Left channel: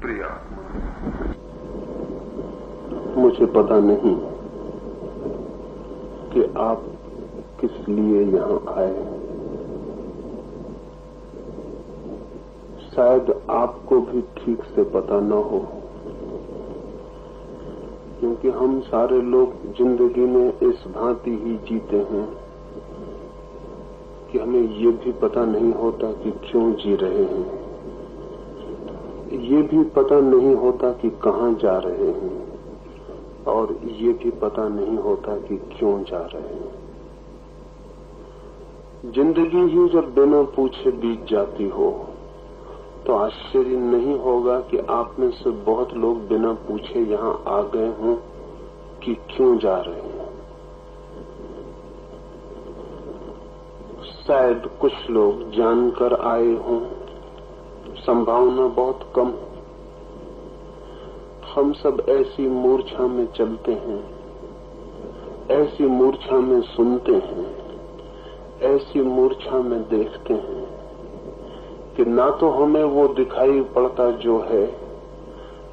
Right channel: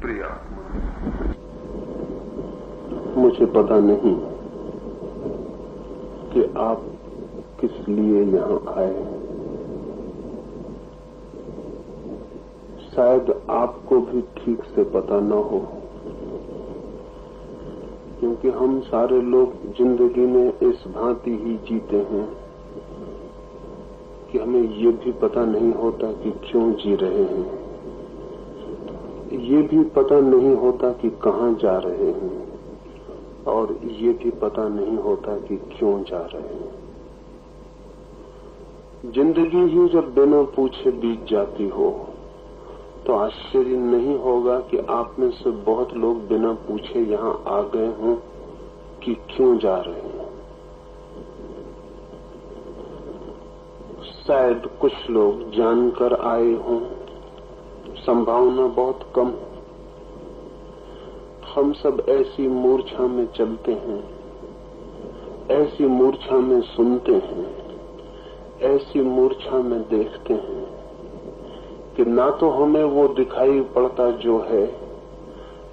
प्रिया, मुझे पता नहीं कि आप किस लिए यहाँ आए। शायद आपको भी ठीक से पता न हो, क्योंकि हम सारे लोग जिंदगी में इस भांति ही जीते हैं कि हमें ये भी पता नहीं होता कि क्यों जी रहे हैं, ये भी पता नहीं होता कि कहाँ जा रहे हैं, और ये भी पता नहीं होता कि क्यों जा रहे हैं। जिंदगी ही जब बिना पूछे बीत जाती हो तो आश्चर्य नहीं होगा कि आप में से बहुत लोग बिना पूछे यहाँ आ गए हों कि क्यों जा रहे हैं। शायद कुछ लोग जानकर आए हों, संभावना बहुत कम। हम सब ऐसी मूर्छा में चलते हैं, ऐसी मूर्छा में सुनते हैं, ऐसी मूर्छा में देखते हैं कि ना तो हमें वो दिखाई पड़ता जो है,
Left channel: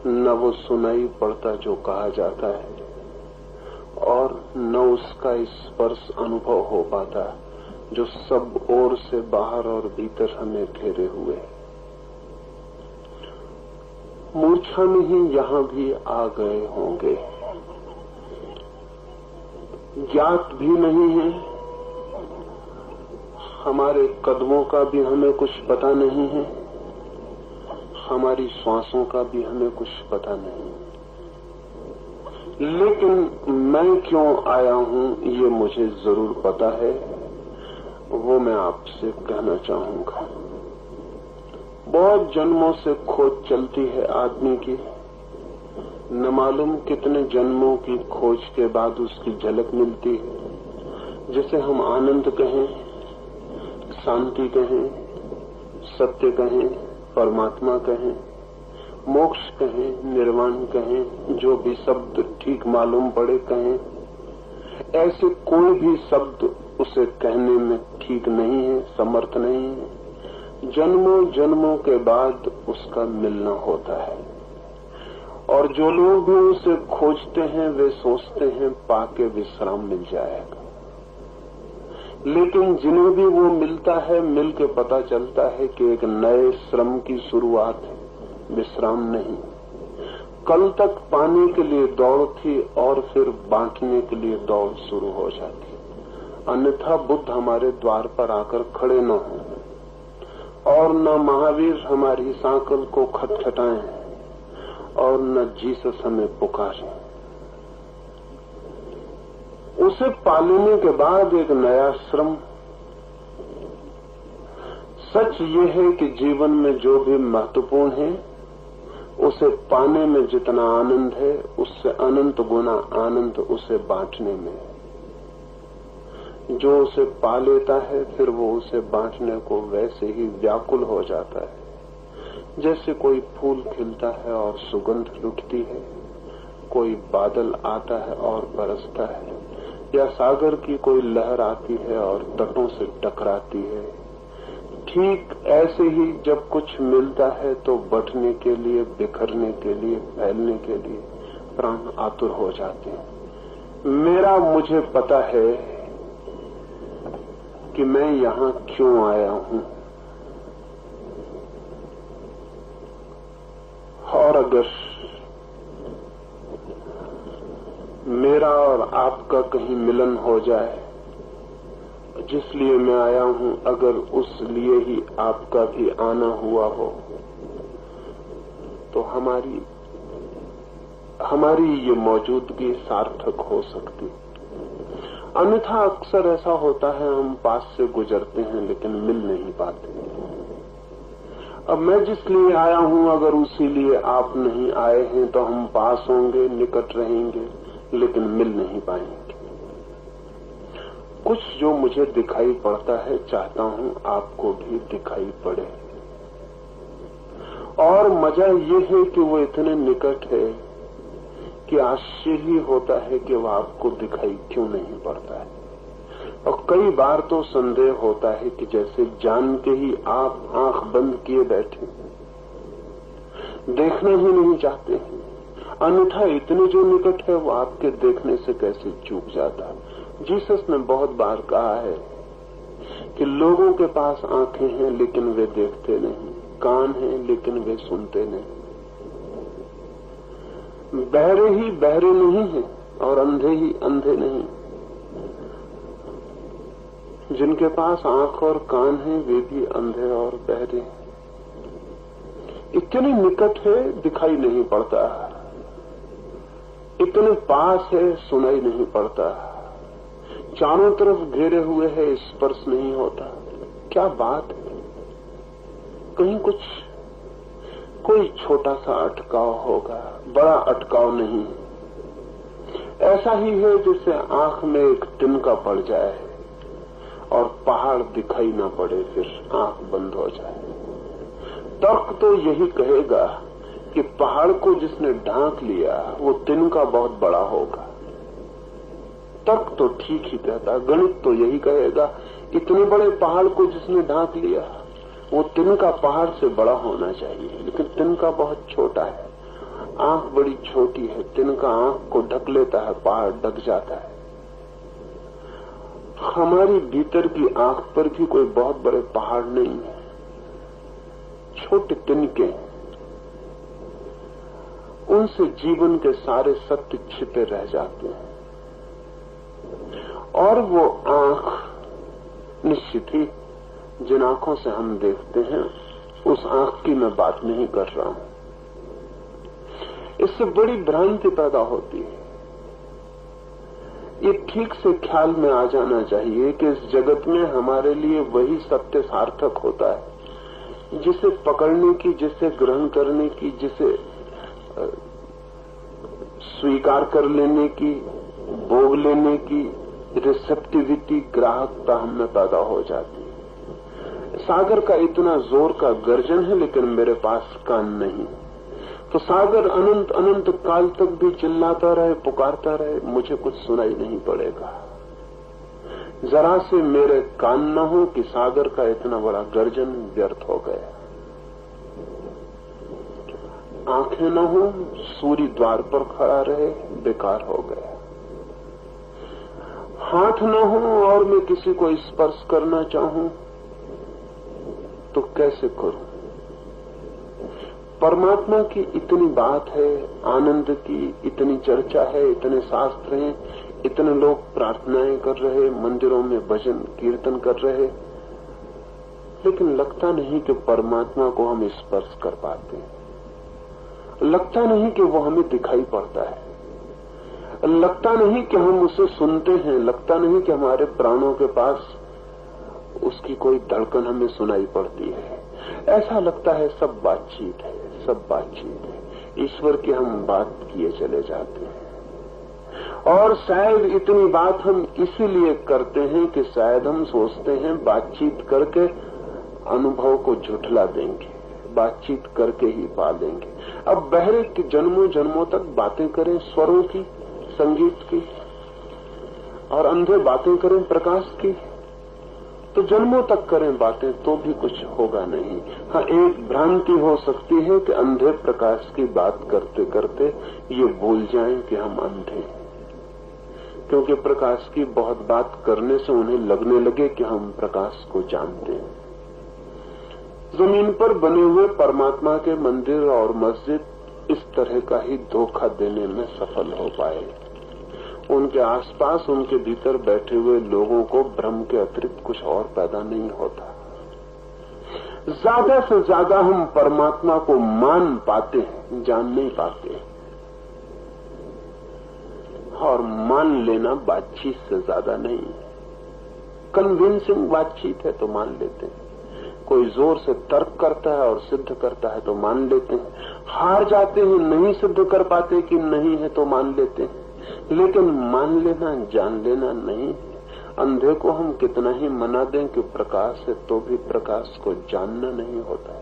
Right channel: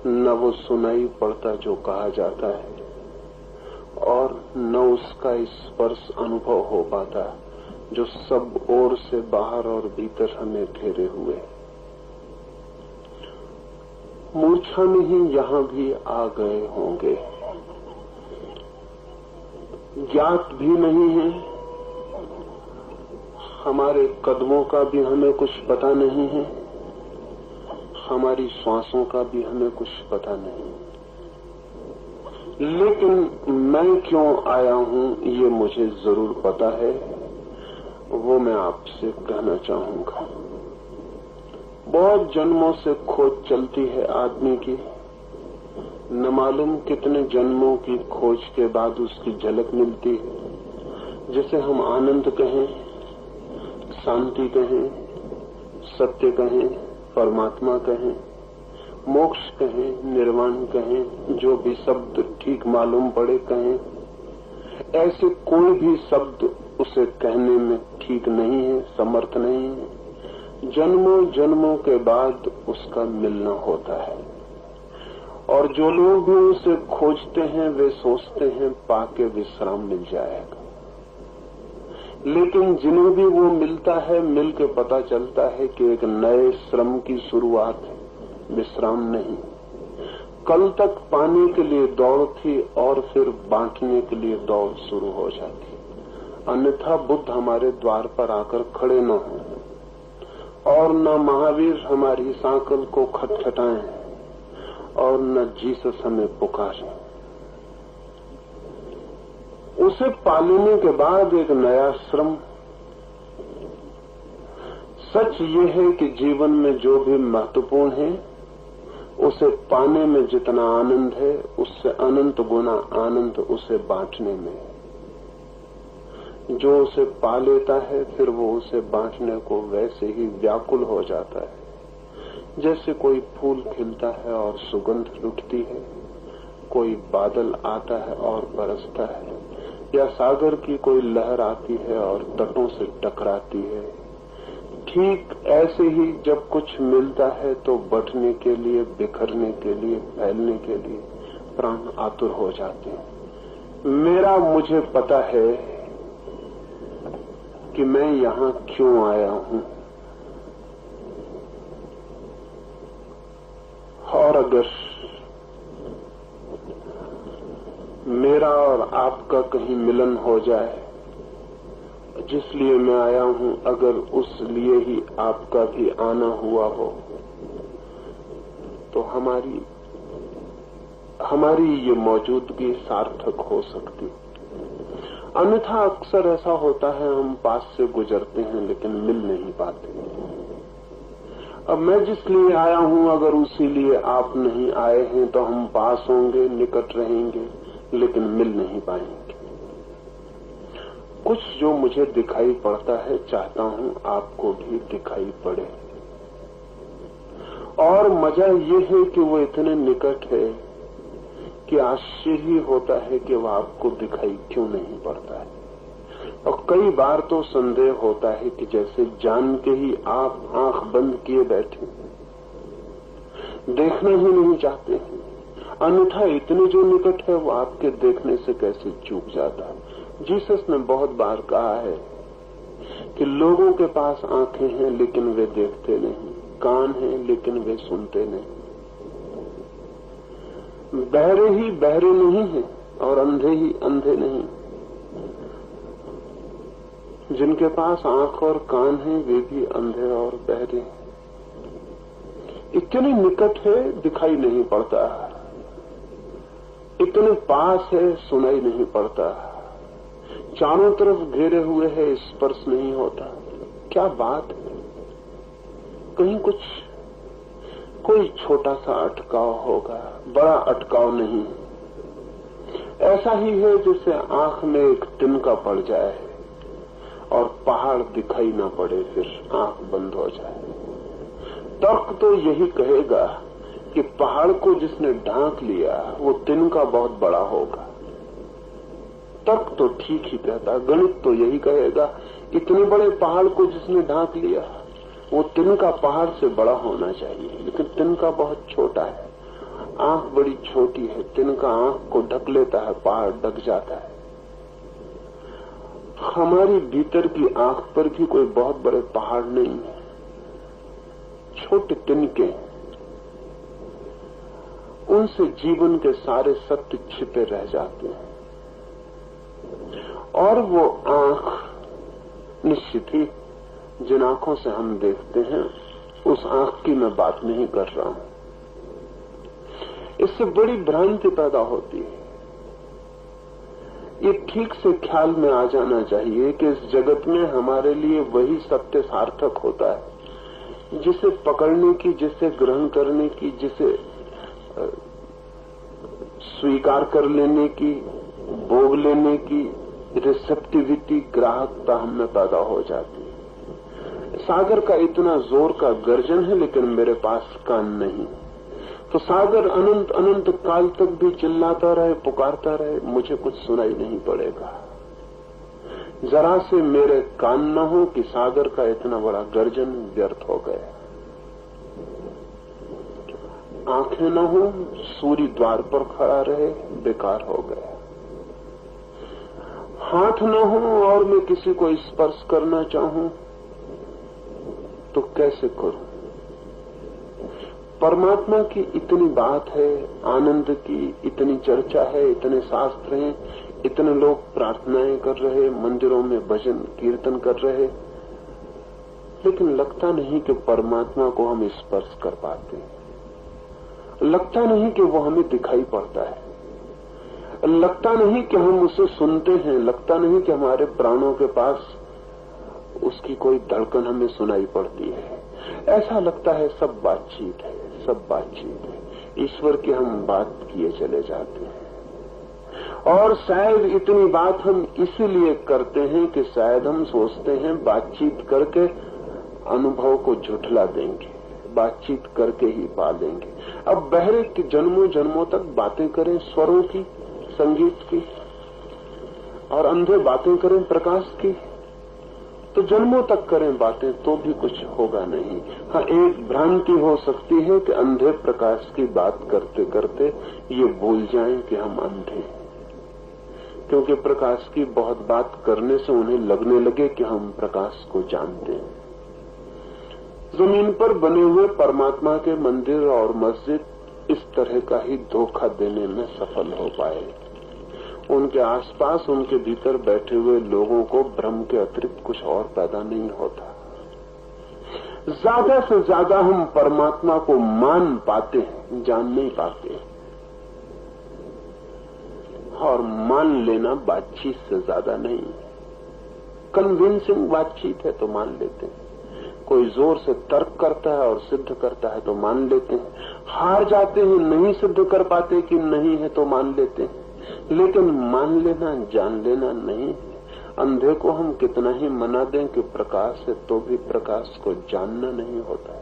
न वो सुनाई पड़ता जो कहा जाता है, और न उसका स्पर्श अनुभव हो पाता जो सब ओर से बाहर और भीतर हमें घेरे हुए है। मूर्छा में ही यहाँ भी आ गए होंगे। ज्ञात भी नहीं है, हमारे कदमों का भी हमें कुछ पता नहीं है, हमारी सांसों का भी हमें कुछ पता नहीं। लेकिन मैं क्यों आया हूँ ये मुझे जरूर पता है, वो मैं आपसे कहना चाहूंगा। बहुत जन्मों से खोज चलती है आदमी की, न मालूम कितने जन्मों की खोज के बाद उसकी झलक मिलती है, जिसे हम आनंद कहें, शांति कहें, सत्य कहें, परमात्मा कहें, मोक्ष कहें, निर्वाण कहें, जो भी शब्द ठीक मालूम पड़े कहें। ऐसे कोई भी शब्द उसे कहने में ठीक नहीं है, समर्थ नहीं है। जन्मों जन्मों के बाद उसका मिलना होता है, और जो लोग भी उसे खोजते हैं वे सोचते हैं पाके विश्राम मिल जाएगा। लेकिन जिन्हें भी वो मिलता है, मिल के पता चलता है कि एक नए श्रम की शुरुआत है, विश्राम नहीं। कल तक पाने के लिए दौड़ थी और फिर बांटने के लिए दौड़ शुरू हो जाती। अन्यथा बुद्ध हमारे द्वार पर आकर खड़े न हों, और न महावीर हमारी सांकल को खटखटाएं, और न जीसस हमें पुकारें। उसे पालने के बाद एक नया श्रम। सच ये है कि जीवन में जो भी महत्वपूर्ण है उसे पाने में जितना आनंद है, उससे अनंत गुना आनंद उसे बांटने में है। जो उसे पा लेता है फिर वो उसे बांटने को वैसे ही व्याकुल हो जाता है, जैसे कोई फूल खिलता है और सुगंध लुटती है, कोई बादल आता है और बरसता है, या सागर की कोई लहर आती है और तटों से टकराती है। ठीक ऐसे ही जब कुछ मिलता है तो बंटने के लिए, बिखरने के लिए, फैलने के लिए प्राण आतुर हो जाते हैं। मुझे पता है कि मैं यहाँ क्यों आया हूँ, और अगर मेरा और आपका कहीं मिलन हो जाए, जिसलिए मैं आया हूँ, अगर उस लिए ही आपका भी आना हुआ हो, तो हमारी ये मौजूदगी सार्थक हो सकती। अन्यथा अक्सर ऐसा होता है, हम पास से गुजरते हैं लेकिन मिल नहीं पाते। अब मैं जिस लिए आया हूँ, अगर उसी लिए आप नहीं आए हैं तो हम पास होंगे, निकट रहेंगे, लेकिन मिल नहीं पाएंगे। कुछ जो मुझे दिखाई पड़ता है, चाहता हूँ आपको भी दिखाई पड़े। और मजा ये है कि वो इतने निकट है कि आश्चर्य होता है कि वो आपको दिखाई क्यों नहीं पड़ता है। और कई बार तो संदेह होता है कि जैसे जान के ही आप आंख बंद किए बैठे। देखना ही नहीं चाहते, अन्यथा इतने जो निकट है वो आपके देखने से कैसे चूक जाता है। जीसस ने बहुत बार कहा है कि लोगों के पास आंखें हैं लेकिन वे देखते नहीं, कान हैं लेकिन वे सुनते नहीं। बहरे ही बहरे नहीं हैं और अंधे ही अंधे नहीं। जिनके पास आंख और कान हैं वे भी अंधे और बहरे। इतने निकट है दिखाई नहीं पड़ता, इतने पास है सुनाई नहीं पड़ता, चारों तरफ घेरे हुए है स्पर्श नहीं होता। क्या बात है, कहीं कुछ कोई छोटा सा अटकाव होगा, बड़ा अटकाव नहीं। ऐसा ही है जैसे आंख में एक तिनका पड़ जाए और पहाड़ दिखाई न पड़े, फिर आंख बंद हो जाए। तर्क तो यही कहेगा कि पहाड़ को जिसने ढांक लिया वो तिनका बहुत बड़ा होगा। तर्क तो ठीक ही कहता, गणित तो यही कहेगा इतने बड़े पहाड़ को जिसने ढांक लिया वो तिनका पहाड़ से बड़ा होना चाहिए, लेकिन तिनका बहुत छोटा है। आंख बड़ी छोटी है, तिनका आंख को ढक लेता है, पहाड़ ढक जाता है। हमारी भीतर की आंख पर भी कोई बहुत बड़े पहाड़ नहीं है, छोटे तिनके, उनसे जीवन के सारे सत्य छिपे रह जाते हैं। और वो आंख निश्चित ही जिन आंखों से हम देखते हैं उस आंख की मैं बात नहीं कर रहा हूं। इससे बड़ी भ्रांति पैदा होती है। ये ठीक से ख्याल में आ जाना चाहिए कि इस जगत में हमारे लिए वही सत्य सार्थक होता है जिसे पकड़ने की, जिसे ग्रहण करने की, जिसे स्वीकार कर लेने की, भोग लेने की रिसेप्टिविटी, ग्राहकता हमें पैदा हो जाती है। सागर का इतना जोर का गर्जन है लेकिन मेरे पास कान नहीं, तो सागर अनंत अनंत काल तक भी चिल्लाता रहे, पुकारता रहे, मुझे कुछ सुनाई नहीं पड़ेगा। जरा से मेरे कान न हो कि सागर का इतना बड़ा गर्जन व्यर्थ हो गया। आंखें न हो, सूर्य द्वार पर खड़ा रहे, बेकार हो गया। हाथ न हो और मैं किसी को स्पर्श करना चाहूं तो कैसे करूं? परमात्मा की इतनी बात है, आनंद की इतनी चर्चा है, इतने शास्त्र हैं, इतने लोग प्रार्थनाएं कर रहे, मंदिरों में भजन कीर्तन कर रहे, लेकिन लगता नहीं कि परमात्मा को हम स्पर्श कर पाते, लगता नहीं कि वो हमें दिखाई पड़ता है, लगता नहीं कि हम उसे सुनते हैं, लगता नहीं कि हमारे प्राणों के पास उसकी कोई धड़कन हमें सुनाई पड़ती है। ऐसा लगता है सब बातचीत है, सब बातचीत है, ईश्वर की हम बात किए चले जाते हैं। और शायद इतनी बात हम इसीलिए करते हैं कि शायद हम सोचते हैं बातचीत करके अनुभव को झुठला देंगे, बातचीत करके ही पा लेंगे। अब बहरे के जन्मों जन्मों तक बातें करें स्वरों की, संगीत की, और अंधे बातें करें प्रकाश की, तो जन्मों तक करें बातें तो भी कुछ होगा नहीं। हाँ, एक भ्रांति हो सकती है कि अंधे प्रकाश की बात करते करते ये भूल जाएं कि हम अंधे हैं, क्योंकि प्रकाश की बहुत बात करने से उन्हें लगने लगे कि हम प्रकाश को जानते हैं। जमीन पर बने हुए परमात्मा के मंदिर और मस्जिद इस तरह का ही धोखा देने में सफल हो पाए। उनके आसपास, उनके भीतर बैठे हुए लोगों को भ्रम के अतिरिक्त कुछ और पैदा नहीं होता। ज्यादा से ज्यादा हम परमात्मा को मान पाते हैं, जान नहीं पाते। और मान लेना बातचीत से ज्यादा नहीं है। कन्विंसिंग बातचीत है तो मान लेते हैं, कोई जोर से तर्क करता है और सिद्ध करता है तो मान लेते हैं, हार जाते हैं, नहीं सिद्ध कर पाते कि नहीं है तो मान लेते हैं, लेकिन मान लेना, जान लेना नहीं। अंधे को हम कितना ही मना दें कि प्रकाश है तो भी प्रकाश को जानना नहीं होता।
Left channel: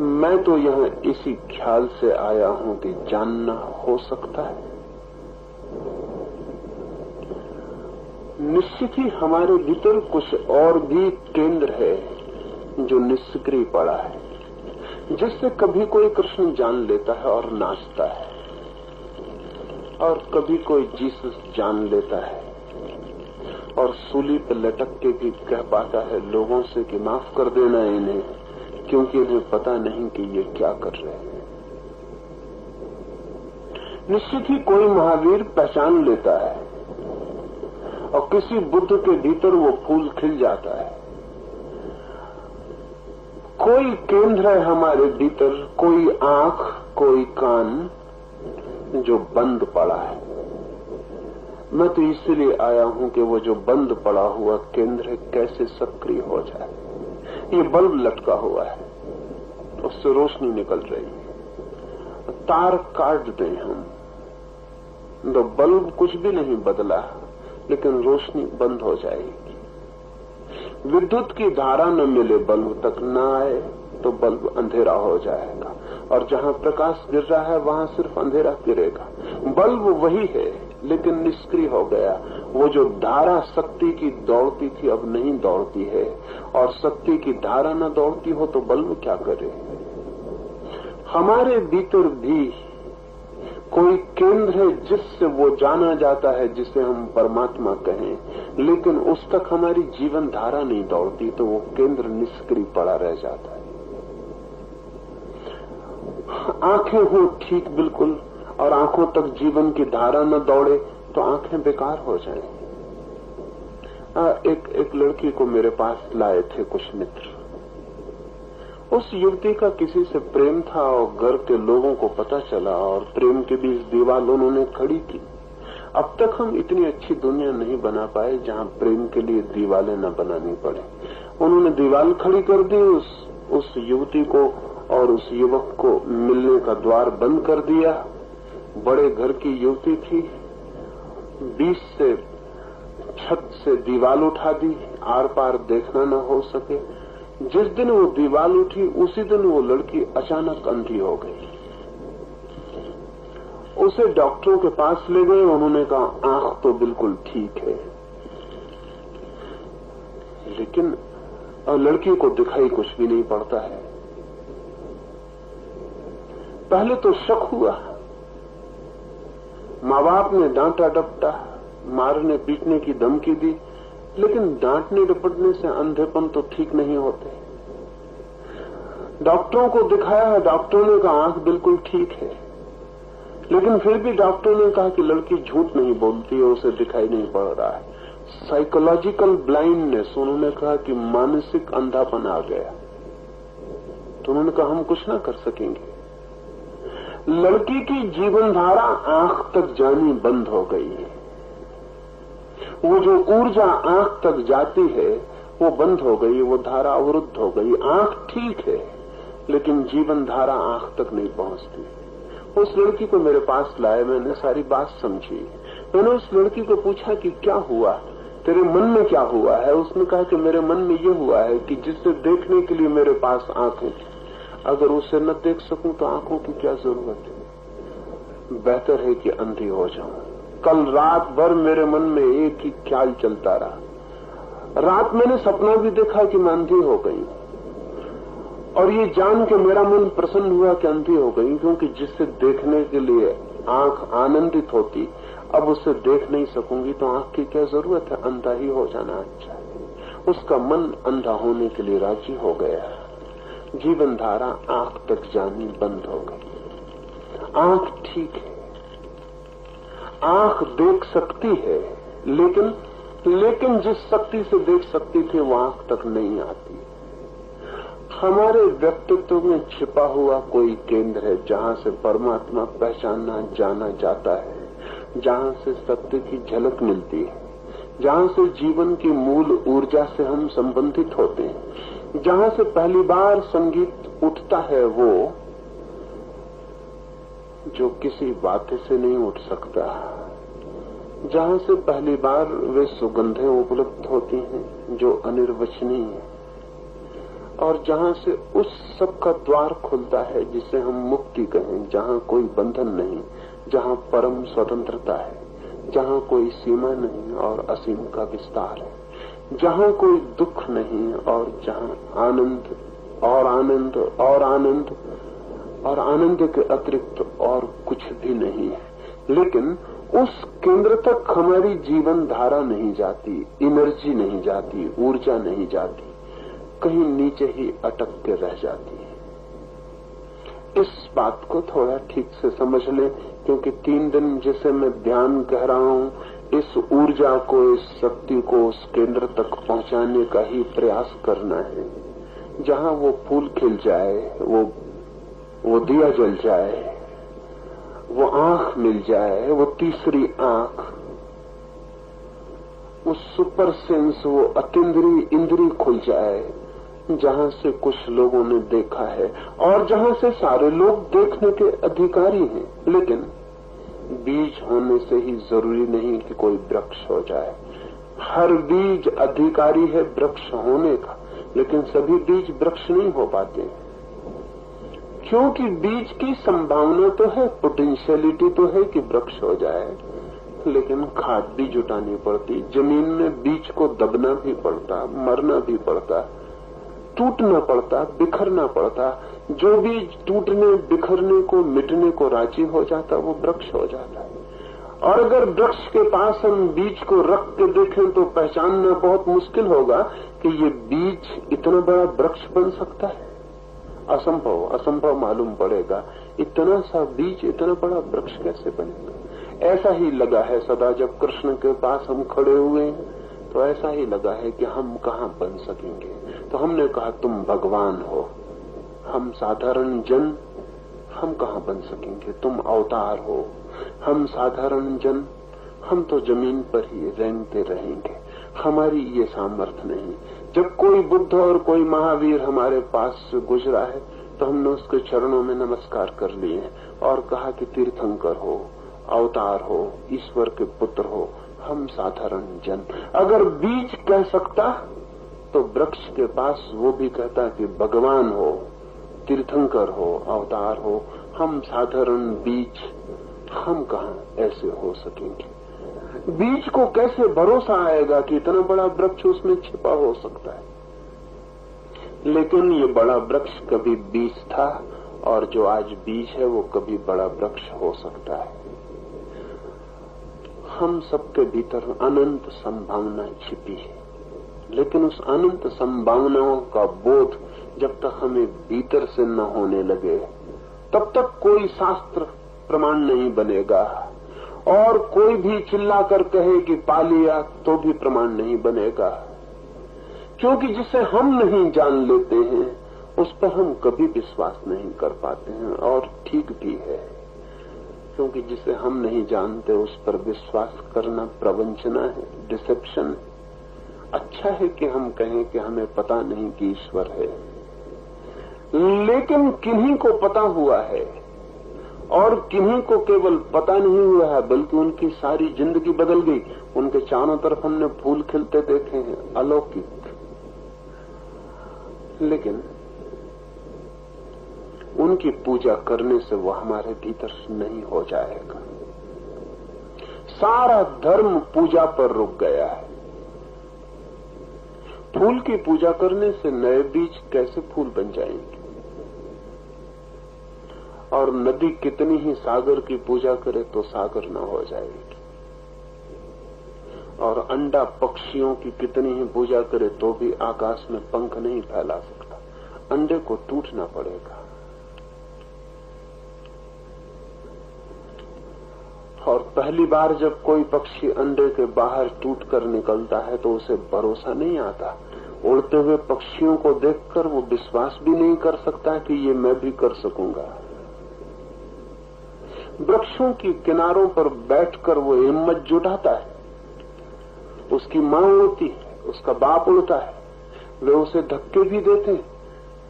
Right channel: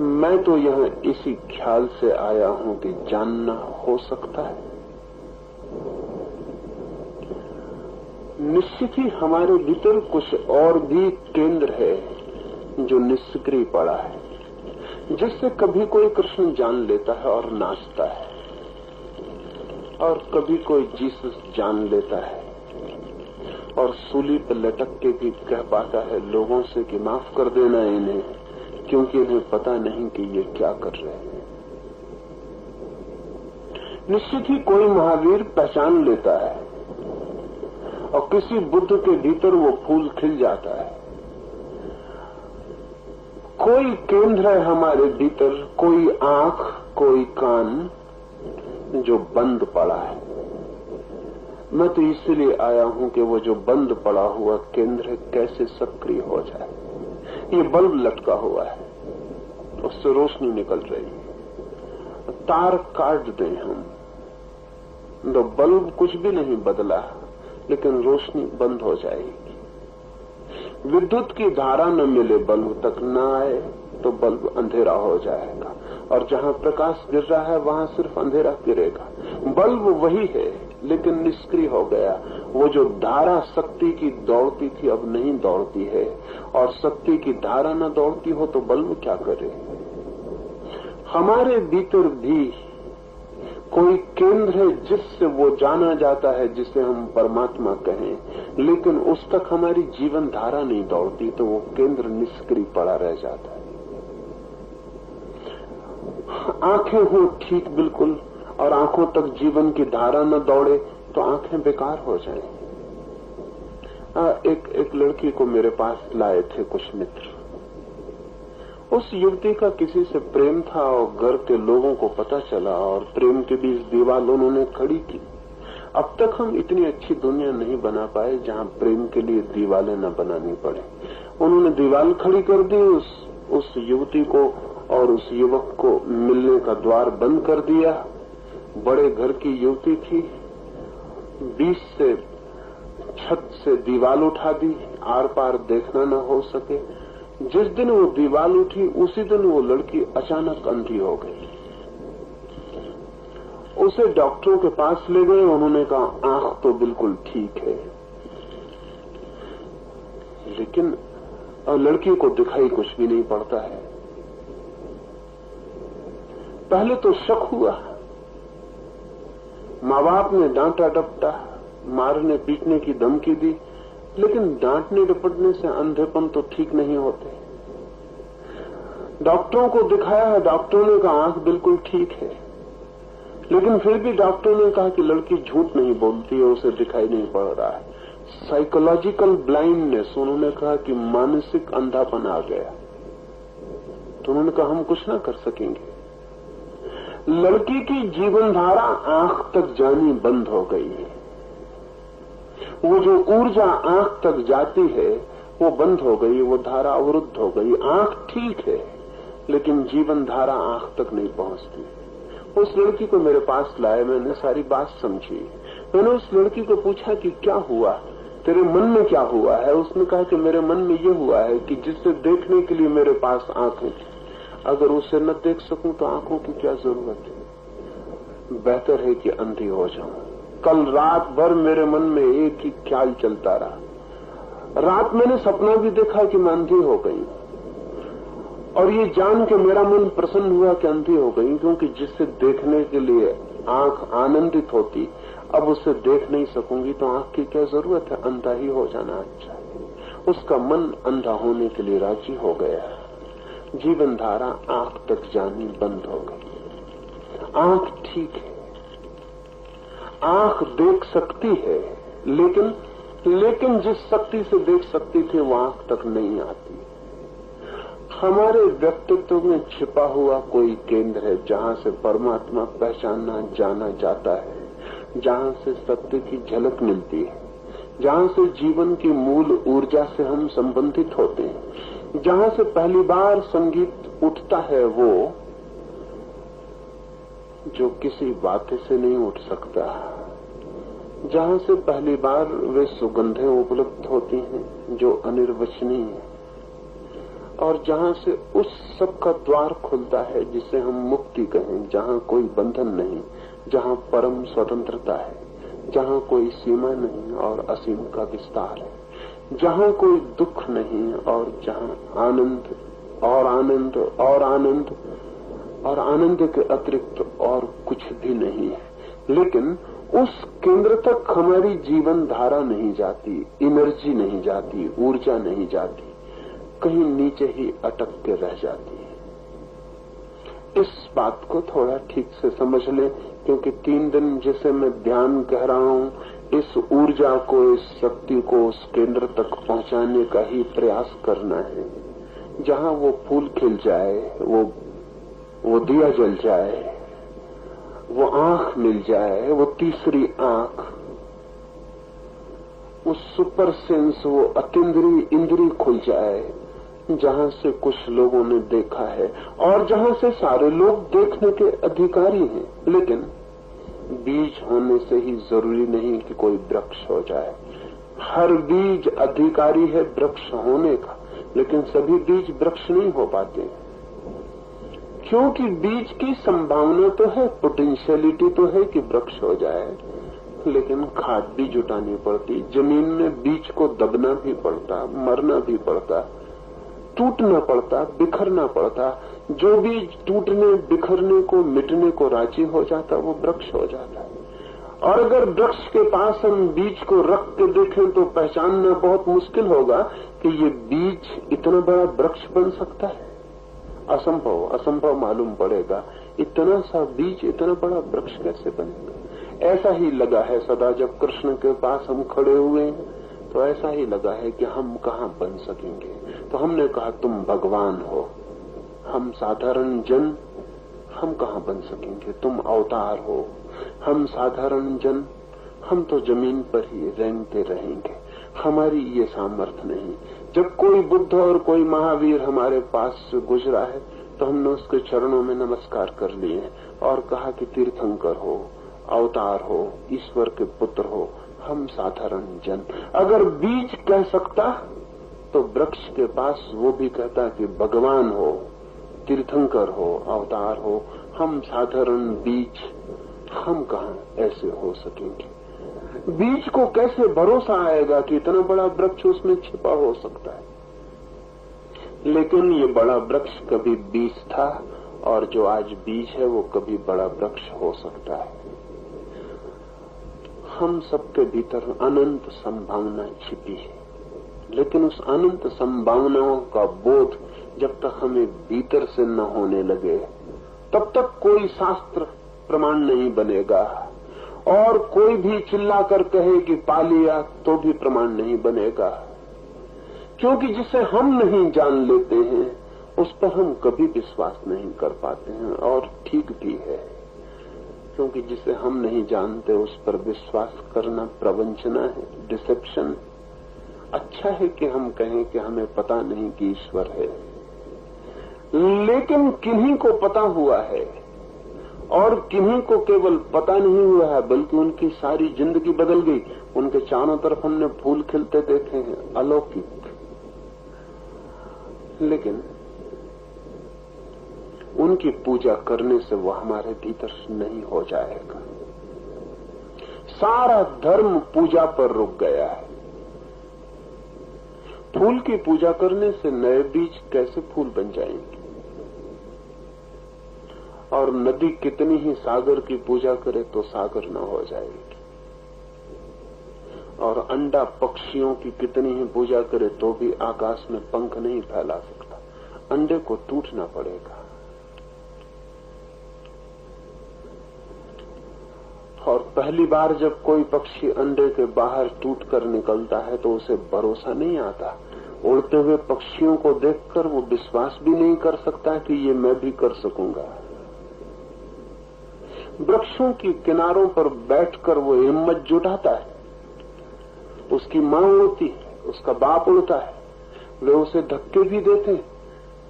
मैं तो यहां इसी ख्याल से आया हूं कि जानना हो सकता है। निश्चित ही हमारे भीतर कुछ और भी केंद्र है जो निष्क्रिय पड़ा है, जिससे कभी कोई कृष्ण जान लेता है और नाचता है, और कभी कोई जीसस जान लेता है और सूली पर लटक के भी कह पाता है लोगों से कि माफ कर देना इन्हें, क्योंकि इन्हें पता नहीं कि ये क्या कर रहे हैं। निश्चित ही कोई महावीर पहचान लेता है और किसी बुद्ध के भीतर वो फूल खिल जाता है। कोई केंद्र है हमारे भीतर, कोई आंख, कोई कान जो बंद पड़ा है। मैं तो इसलिए आया हूं कि वो जो बंद पड़ा हुआ केंद्र कैसे सक्रिय हो जाए। ये बल्ब लटका हुआ है, उससे रोशनी निकल रही है, तार काट दें हम तो बल्ब कुछ भी नहीं बदला, लेकिन रोशनी बंद हो जाएगी। विद्युत की धारा न मिले, बल्ब तक न आए तो बल्ब अंधेरा हो जाएगा, और जहां प्रकाश गिर रहा है वहां सिर्फ अंधेरा गिरेगा। बल्ब वही है लेकिन निष्क्रिय हो गया। वो जो धारा शक्ति की दौड़ती थी अब नहीं दौड़ती है, और शक्ति की धारा न दौड़ती हो तो बल्ब क्या करे। हमारे भीतर भी कोई केंद्र है जिससे वो जाना जाता है, जिसे हम परमात्मा कहें, लेकिन उस तक हमारी जीवन धारा नहीं दौड़ती, तो वो केंद्र निष्क्रिय पड़ा रह जाता है। आंखें हो ठीक बिल्कुल और आंखों तक जीवन की धारा न दौड़े तो आंखें बेकार हो जाएं। एक लड़की को मेरे पास लाए थे कुछ मित्र। उस युवती का किसी से प्रेम था और घर के लोगों को पता चला, और प्रेम के बीच दीवार उन्होंने खड़ी की। अब तक हम इतनी अच्छी दुनिया नहीं बना पाए जहां प्रेम के लिए दीवारें न बनानी पड़े। उन्होंने दीवार खड़ी कर दी, उस युवती को और उस युवक को मिलने का द्वार बंद कर दिया। बड़े घर की युवती थी, 20 से छत से दीवार उठा दी, आर पार देखना न हो सके। जिस दिन वो दीवार उठी उसी दिन वो लड़की अचानक अंधी हो गई। उसे डॉक्टरों के पास ले गए, उन्होंने कहा आंख तो बिल्कुल ठीक है, लेकिन लड़की को दिखाई कुछ भी नहीं पड़ता है। पहले तो शक हुआ, माँ बाप ने डांटा डपटा, मारने पीटने की धमकी दी, लेकिन डांटने डपटने से अंधेपन तो ठीक नहीं होते। डॉक्टरों को दिखाया, डॉक्टरों ने कहा आंख बिल्कुल ठीक है, लेकिन फिर भी डॉक्टरों ने कहा कि लड़की झूठ नहीं बोलती है, उसे दिखाई नहीं पड़ रहा है। साइकोलॉजिकल ब्लाइंडनेस, उन्होंने कहा कि मानसिक अंधापन आ गया। तो उन्होंने कहा हम कुछ ना कर सकेंगे। लड़की की जीवन धारा आंख तक जानी बंद हो गई है। वो जो ऊर्जा आंख तक जाती है वो बंद हो गई, वो धारा अवरुद्ध हो गई। आंख ठीक है लेकिन जीवन धारा आंख तक नहीं पहुंचती। उस लड़की को मेरे पास लाए, मैंने सारी बात समझी। मैंने उस लड़की को पूछा कि क्या हुआ, तेरे मन में क्या हुआ है। उसने कहा कि मेरे मन में ये हुआ है कि जिससे देखने के लिए मेरे पास आंखें थी, अगर उसे न देख सकूं तो आंखों की क्या जरूरत है, बेहतर है कि अंधी हो जाऊं। कल रात भर मेरे मन में एक ही ख्याल चलता रहा। रात मैंने सपना भी देखा कि मैं अंधी हो गई, और ये जान के मेरा मन प्रसन्न हुआ कि अंधी हो गई, क्योंकि जिससे देखने के लिए आंख आनंदित होती, अब उसे देख नहीं सकूंगी तो आंख की क्या जरूरत है, अंधा ही हो जाना अच्छा है। उसका मन अंधा होने के लिए राजी हो गया। जीवन धारा आंख तक जानी बंद हो गई। आंख ठीक है, आंख देख सकती है, लेकिन जिस शक्ति से देख सकती थी वो आंख तक नहीं आती। हमारे व्यक्तित्व में छिपा हुआ कोई केंद्र है जहां से परमात्मा पहचाना जाना जाता है, जहां से सत्य की झलक मिलती है, जहां से जीवन की मूल ऊर्जा से हम संबंधित होते हैं, जहां से पहली बार संगीत उठता है वो जो किसी बातें से नहीं उठ सकता, जहां से पहली बार वे सुगंधें उपलब्ध होती हैं जो अनिर्वचनीय है, और जहां से उस सब का द्वार खुलता है जिसे हम मुक्ति कहें, जहां कोई बंधन नहीं, जहां परम स्वतंत्रता है, जहां कोई सीमा नहीं और असीम का विस्तार है, जहां कोई दुख नहीं और जहां आनंद और आनंद और आनंद, और आनंद के अतिरिक्त और कुछ भी नहीं है। लेकिन उस केंद्र तक हमारी जीवन धारा नहीं जाती, एनर्जी नहीं जाती, ऊर्जा नहीं जाती, कहीं नीचे ही अटक के रह जाती है। इस बात को थोड़ा ठीक से समझ लें, क्योंकि 3 दिन जिसे मैं ध्यान कह रहा हूं, इस ऊर्जा को, इस शक्ति को उस केंद्र तक पहुंचाने का ही प्रयास करना है, जहां वो फूल खिल जाए, वो दिया जल जाए, वो आंख मिल जाए, वो तीसरी आंख, वो सुपर सेंस, वो अतीन्द्रिय इंद्रिय खुल जाए, जहां से कुछ लोगों ने देखा है और जहां से सारे लोग देखने के अधिकारी हैं। लेकिन बीज होने से ही जरूरी नहीं कि कोई वृक्ष हो जाए। हर बीज अधिकारी है वृक्ष होने का, लेकिन सभी बीज वृक्ष नहीं हो पाते, क्योंकि बीज की संभावना तो है, पोटेंशियलिटी तो है कि वृक्ष हो जाए, लेकिन खाद भी जुटानी पड़ती, जमीन में बीज को दबना भी पड़ता, मरना भी पड़ता, टूटना पड़ता, बिखरना पड़ता। जो बीज टूटने, बिखरने को, मिटने को राजी हो जाता, वो वृक्ष हो जाता है। और अगर वृक्ष के पास हम बीज को रख के देखें तो पहचानना बहुत मुश्किल होगा कि ये बीज इतना बड़ा वृक्ष बन सकता है। असंभव, असंभव मालूम पड़ेगा। इतना सा बीज इतना बड़ा वृक्ष कैसे बनेगा? ऐसा ही लगा है सदा जब कृष्ण के पास हम खड़े हुए हैं, तो ऐसा ही लगा है कि हम कहाँ बन सकेंगे। तो हमने कहा तुम भगवान हो, हम साधारण जन, हम कहाँ बन सकेंगे, तुम अवतार हो, हम साधारण जन, हम तो जमीन पर ही रेंगते रहेंगे, हमारी ये सामर्थ्य नहीं। जब कोई बुद्ध और कोई महावीर हमारे पास से गुजरा है तो हमने उसके चरणों में नमस्कार कर लिए और कहा कि तीर्थंकर हो, अवतार हो, ईश्वर के पुत्र हो, हम साधारण जन। अगर बीज कह सकता तो वृक्ष के पास वो भी कहता कि भगवान हो, तीर्थंकर हो, अवतार हो, हम साधारण बीज, हम कहाँ ऐसे हो सकेंगे? बीज को कैसे भरोसा आएगा कि इतना बड़ा वृक्ष उसमें छिपा हो सकता है? लेकिन ये बड़ा वृक्ष कभी बीज था, और जो आज बीज है वो कभी बड़ा वृक्ष हो सकता है। हम सबके भीतर अनंत संभावना छिपी है, लेकिन उस अनंत संभावनाओं का बोध जब तक हमें भीतर से न होने लगे, तब तक कोई शास्त्र प्रमाण नहीं बनेगा, और कोई भी चिल्ला कर कहे कि पा लिया तो भी प्रमाण नहीं बनेगा। क्योंकि जिसे हम नहीं जान लेते हैं उस पर हम कभी विश्वास नहीं कर पाते हैं, और ठीक भी है, क्योंकि जिसे हम नहीं जानते उस पर विश्वास करना प्रवंचना है, डिसेप्शन है। अच्छा है कि हम कहें कि हमें पता नहीं कि ईश्वर है, लेकिन किन्हीं को पता हुआ है, और किन्हीं को केवल पता नहीं हुआ है बल्कि उनकी सारी जिंदगी बदल गई। उनके चारों तरफ हमने फूल खिलते देखे हैं, अलौकिक, लेकिन उनकी पूजा करने से वो हमारे भीतर नहीं हो जाएगा। सारा धर्म पूजा पर रुक गया है। फूल की पूजा करने से नए बीज कैसे फूल बन जाएंगे? और नदी कितनी ही सागर की पूजा करे तो सागर न हो जाएगी, और अंडा पक्षियों की कितनी ही पूजा करे तो भी आकाश में पंख नहीं फैला सकता, अंडे को टूटना पड़ेगा। और पहली बार जब कोई पक्षी अंडे के बाहर टूटकर निकलता है तो उसे भरोसा नहीं आता। उड़ते हुए पक्षियों को देखकर वो विश्वास भी नहीं कर सकता कि ये मैं भी कर सकूंगा। वृक्षों की किनारों पर बैठकर वो हिम्मत जुटाता है, तो उसकी मां उड़ती है, उसका बाप उड़ता है, वे उसे धक्के भी देते हैं,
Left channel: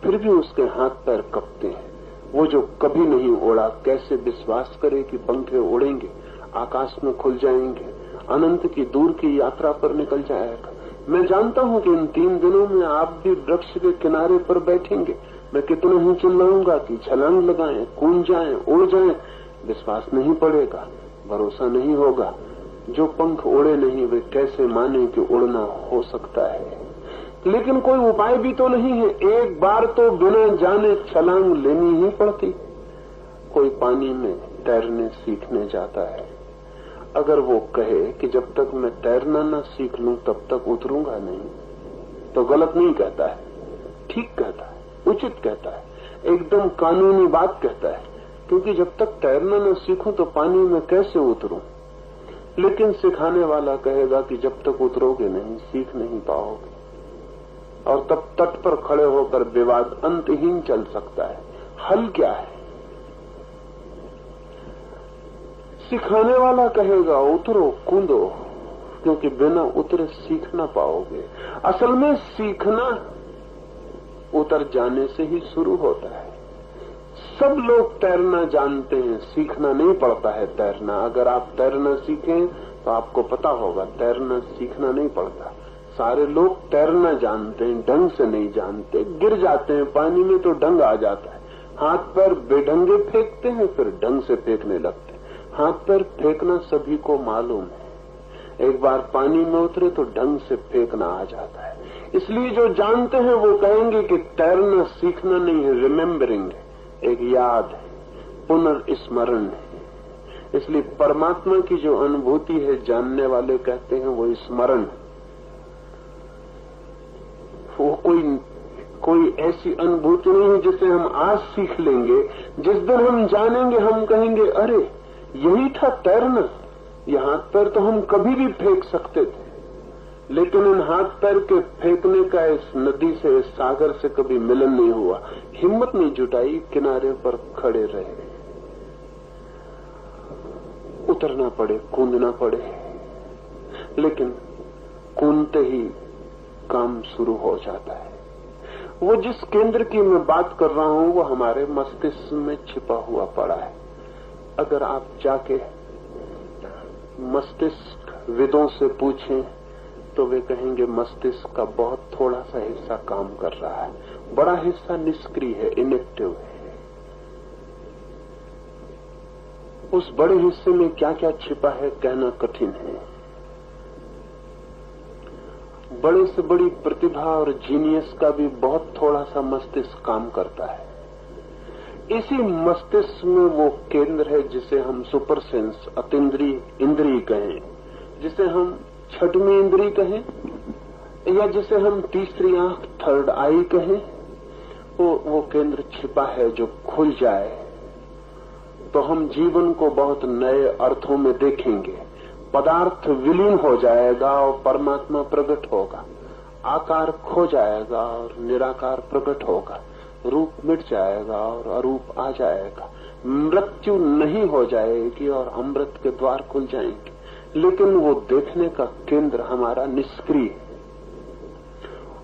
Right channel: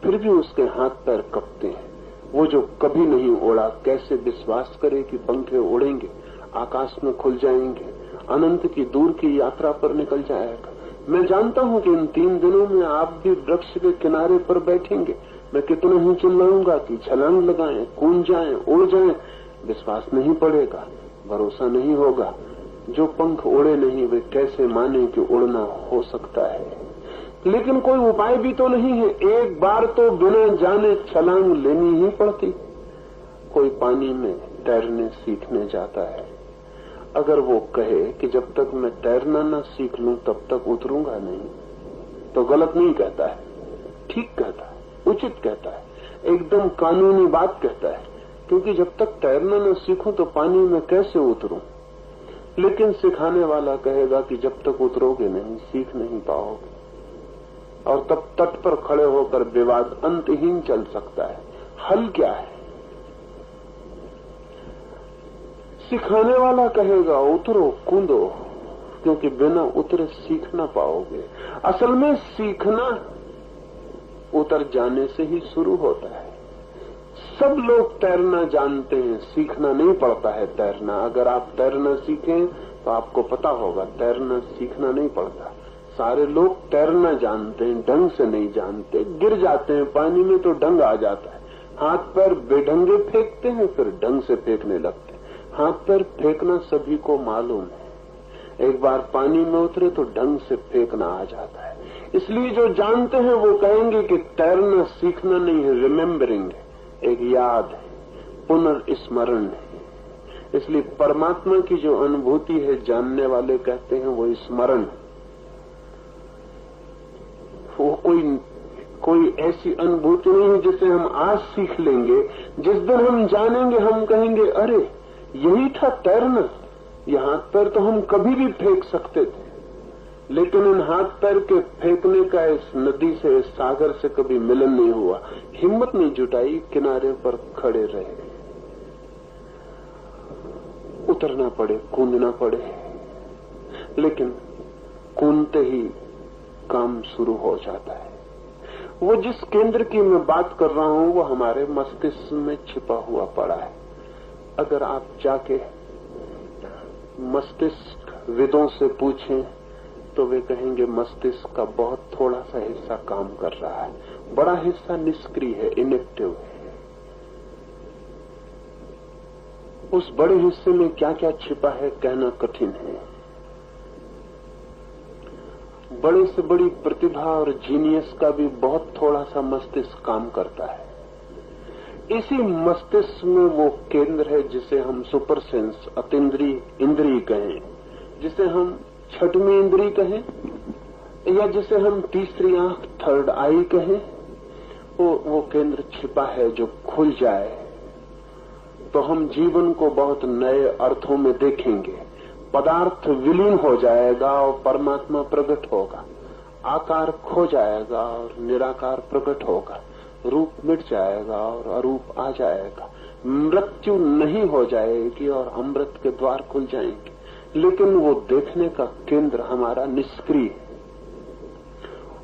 फिर भी उसके हाथ पैर कपते हैं। वो जो कभी नहीं उड़ा कैसे विश्वास करे कि पंखे उड़ेंगे, आकाश में खुल जाएंगे, अनंत की दूर की यात्रा पर निकल जाएगा। मैं जानता हूं कि इन 3 दिनों में आप भी वृक्ष के किनारे पर बैठेंगे। मैं कितना ही चिल्लाऊंगा कि छलांग लगाएं, कूद जाएं, उड़ जाएं, विश्वास नहीं पड़ेगा, भरोसा नहीं होगा। जो पंख उड़े नहीं वे कैसे माने कि उड़ना हो सकता है? लेकिन कोई उपाय भी तो नहीं है। एक बार तो बिना जाने छलांग लेनी ही पड़ती। कोई पानी में तैरने सीखने जाता है, अगर वो कहे कि जब तक मैं तैरना न सीख लूं तब तक उतरूंगा नहीं, तो गलत नहीं कहता है, ठीक कहता है, उचित कहता है, एकदम कानूनी बात कहता है। क्योंकि जब तक तैरना न सीखूं तो पानी में कैसे उतरूं। लेकिन सिखाने वाला कहेगा कि जब तक उतरोगे नहीं सीख नहीं पाओगे, और तब तट पर खड़े होकर विवाद अंतहीन चल सकता है। हल क्या है? सिखाने वाला कहेगा उतरो, कूदो, क्योंकि बिना उतरे सीख ना पाओगे। असल में सीखना उतर जाने से ही शुरू होता है। सब लोग तैरना जानते हैं, सीखना नहीं पड़ता है तैरना। अगर आप तैरना सीखें तो आपको पता होगा तैरना सीखना नहीं पड़ता। सारे लोग तैरना जानते हैं, ढंग से नहीं जानते, गिर जाते हैं पानी में तो ढंग आ जाता है। हाथ पैर बेढंगे फेंकते हैं, फिर ढंग से फेंकने लगते हैं। हाथ पैर फेंकना सभी को मालूम है, एक बार पानी में उतरे तो ढंग से फेंकना आ जाता है। इसलिए जो जानते हैं वो कहेंगे कि तैरना सीखना नहीं है, रिमेम्बरिंग है, एक याद है, पुनर्स्मरण है। इसलिए परमात्मा की जो अनुभूति है जानने वाले कहते हैं वो स्मरण। वो कोई ऐसी अनुभूति नहीं है जिसे हम आज सीख लेंगे, जिस दिन हम जानेंगे हम कहेंगे अरे यही था तैरना। ये हाथ पैर तो हम कभी भी फेंक सकते थे, लेकिन इन हाथ पैर के फेंकने का इस नदी से, इस सागर से कभी मिलन नहीं हुआ। हिम्मत नहीं जुटाई, किनारे पर खड़े रहे, उतरना पड़े, कूदना पड़े। लेकिन कूदते ही काम शुरू हो जाता है। वो जिस केंद्र की मैं बात कर रहा हूं वो हमारे मस्तिष्क में छिपा हुआ पड़ा है। अगर आप जाके मस्तिष्क विदों से पूछें तो वे कहेंगे मस्तिष्क का बहुत थोड़ा सा हिस्सा काम कर रहा है, बड़ा हिस्सा निष्क्रिय है, इनएक्टिव है। उस बड़े हिस्से में क्या क्या छिपा है कहना कठिन है। बड़े से बड़ी प्रतिभा और जीनियस का भी बहुत थोड़ा सा मस्तिष्क काम करता है। इसी मस्तिष्क में वो केंद्र है जिसे हम सुपर सेंस, अतीन्द्रिय इंद्रिय कहें, जिसे हम छठवीं इंद्रिय कहें, या जिसे हम तीसरी आंख, थर्ड आई कहें। वो केंद्र छिपा है जो खुल जाए तो हम जीवन को बहुत नए अर्थों में देखेंगे। पदार्थ विलीन हो जाएगा और परमात्मा प्रकट होगा, आकार खो जाएगा और निराकार प्रकट होगा, रूप मिट जाएगा और अरूप आ जाएगा, मृत्यु नहीं हो जाएगी और अमृत के द्वार खुल जाएंगे। लेकिन वो देखने का केंद्र हमारा निष्क्रिय है।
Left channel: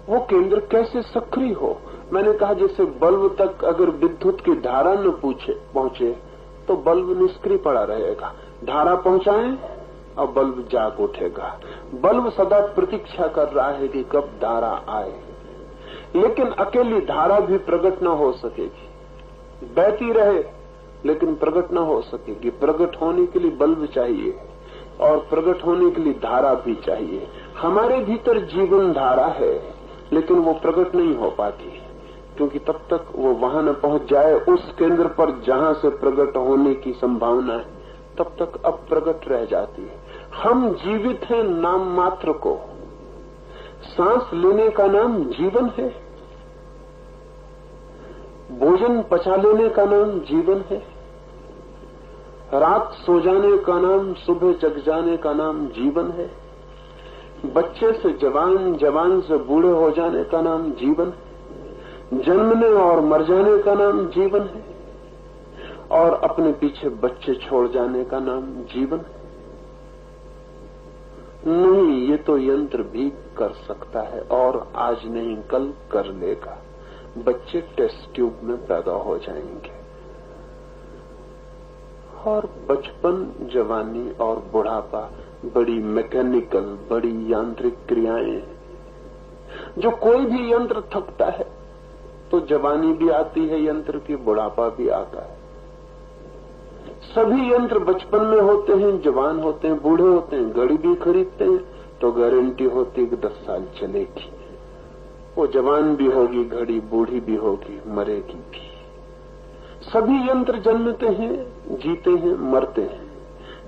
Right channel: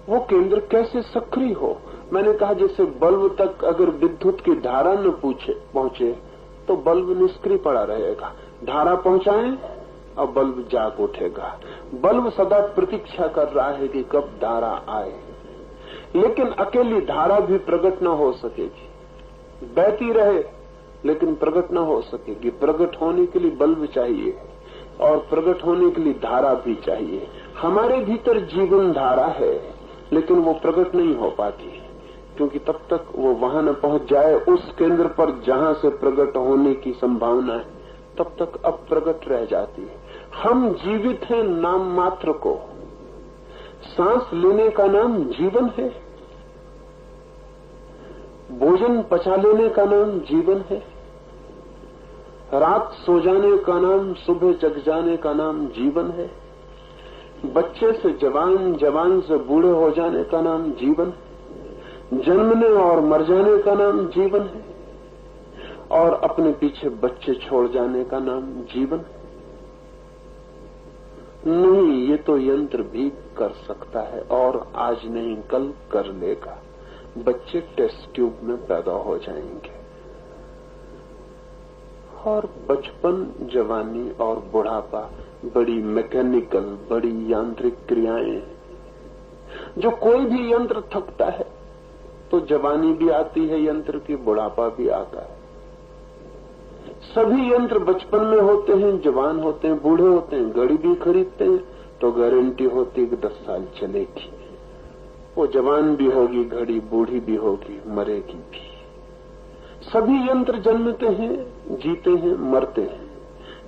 वो केंद्र कैसे सक्रिय हो? मैंने कहा जैसे बल्ब तक अगर विद्युत की धारा न पहुंचे तो बल्ब निष्क्रिय पड़ा रहेगा। धारा पहुंचाएं और बल्ब जाग उठेगा। बल्ब सदा प्रतीक्षा कर रहा है कि कब धारा आए। लेकिन अकेली धारा भी प्रकट न हो सकेगी, बहती रहे लेकिन प्रकट न हो सकेगी। प्रकट होने के लिए बल्ब चाहिए और प्रकट होने के लिए धारा भी चाहिए। हमारे भीतर जीवन धारा है लेकिन वो प्रकट नहीं हो पाती है, क्योंकि तब तक वो वहां न पहुंच जाए उस केंद्र पर जहां से प्रकट होने की संभावना है, तब तक अप्रकट रह जाती है। हम जीवित हैं नाम मात्र को। सांस लेने का नाम जीवन है, भोजन पचा लेने का नाम जीवन है, रात सो जाने का नाम, सुबह जग जाने का नाम जीवन है, बच्चे से जवान, जवान से बूढ़े हो जाने का नाम जीवन है, जन्मने और मर जाने का नाम जीवन है, और अपने पीछे बच्चे छोड़ जाने का नाम जीवन है। नहीं, ये तो यंत्र भी कर सकता है और आज नहीं कल कर लेगा। बच्चे टेस्ट ट्यूब में पैदा हो जाएंगे और बचपन, जवानी और बुढ़ापा बड़ी मैकेनिकल, बड़ी यांत्रिक क्रियाएं। जो कोई भी यंत्र थकता है तो जवानी भी आती है यंत्र की, बुढ़ापा भी आता है। सभी यंत्र बचपन में होते हैं, जवान होते हैं, बूढ़े होते हैं। गाड़ी भी खरीदते हैं तो गारंटी होती है कि 10 साल चलेगी। वो जवान भी होगी, घड़ी बूढ़ी भी होगी, मरेगी भी। सभी यंत्र जन्मते हैं, जीते हैं, मरते हैं।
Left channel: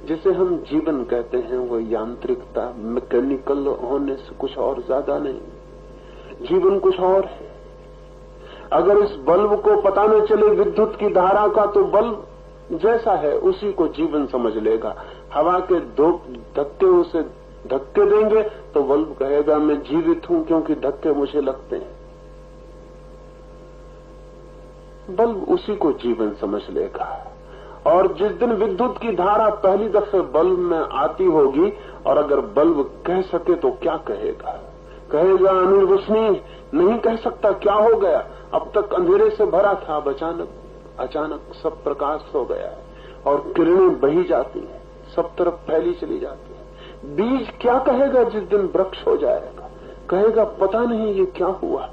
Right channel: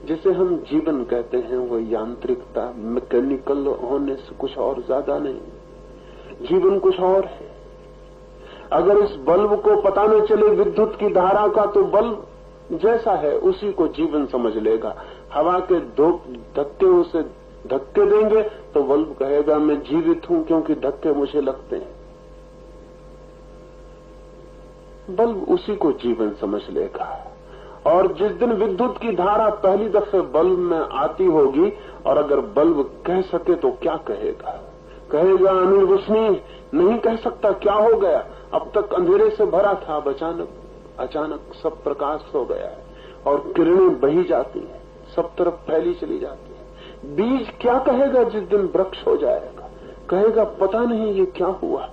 जिसे हम जीवन कहते हैं वो यांत्रिकता, मैकेनिकल होने से कुछ और ज्यादा नहीं। जीवन कुछ और है। अगर इस बल्ब को पता न चले विद्युत की धारा का, तो बल्ब जैसा है उसी को जीवन समझ लेगा। हवा के दो धक्के उसे धक्के देंगे तो बल्ब कहेगा मैं जीवित हूं क्योंकि धक्के मुझे लगते हैं। बल्ब उसी को जीवन समझ लेगा। और जिस दिन विद्युत की धारा पहली दफे बल्ब में आती होगी और अगर बल्ब कह सके तो क्या कहेगा? कहेगा अनिर्वचनीय। नहीं कह सकता, क्या हो गया? अब तक अंधेरे से भरा था, अब अचानक सब प्रकाश हो गया है और किरणें बही जाती हैं, सब तरफ फैली चली जाती है। बीज क्या कहेगा जिस दिन वृक्ष हो जाएगा? कहेगा पता नहीं ये क्या हुआ,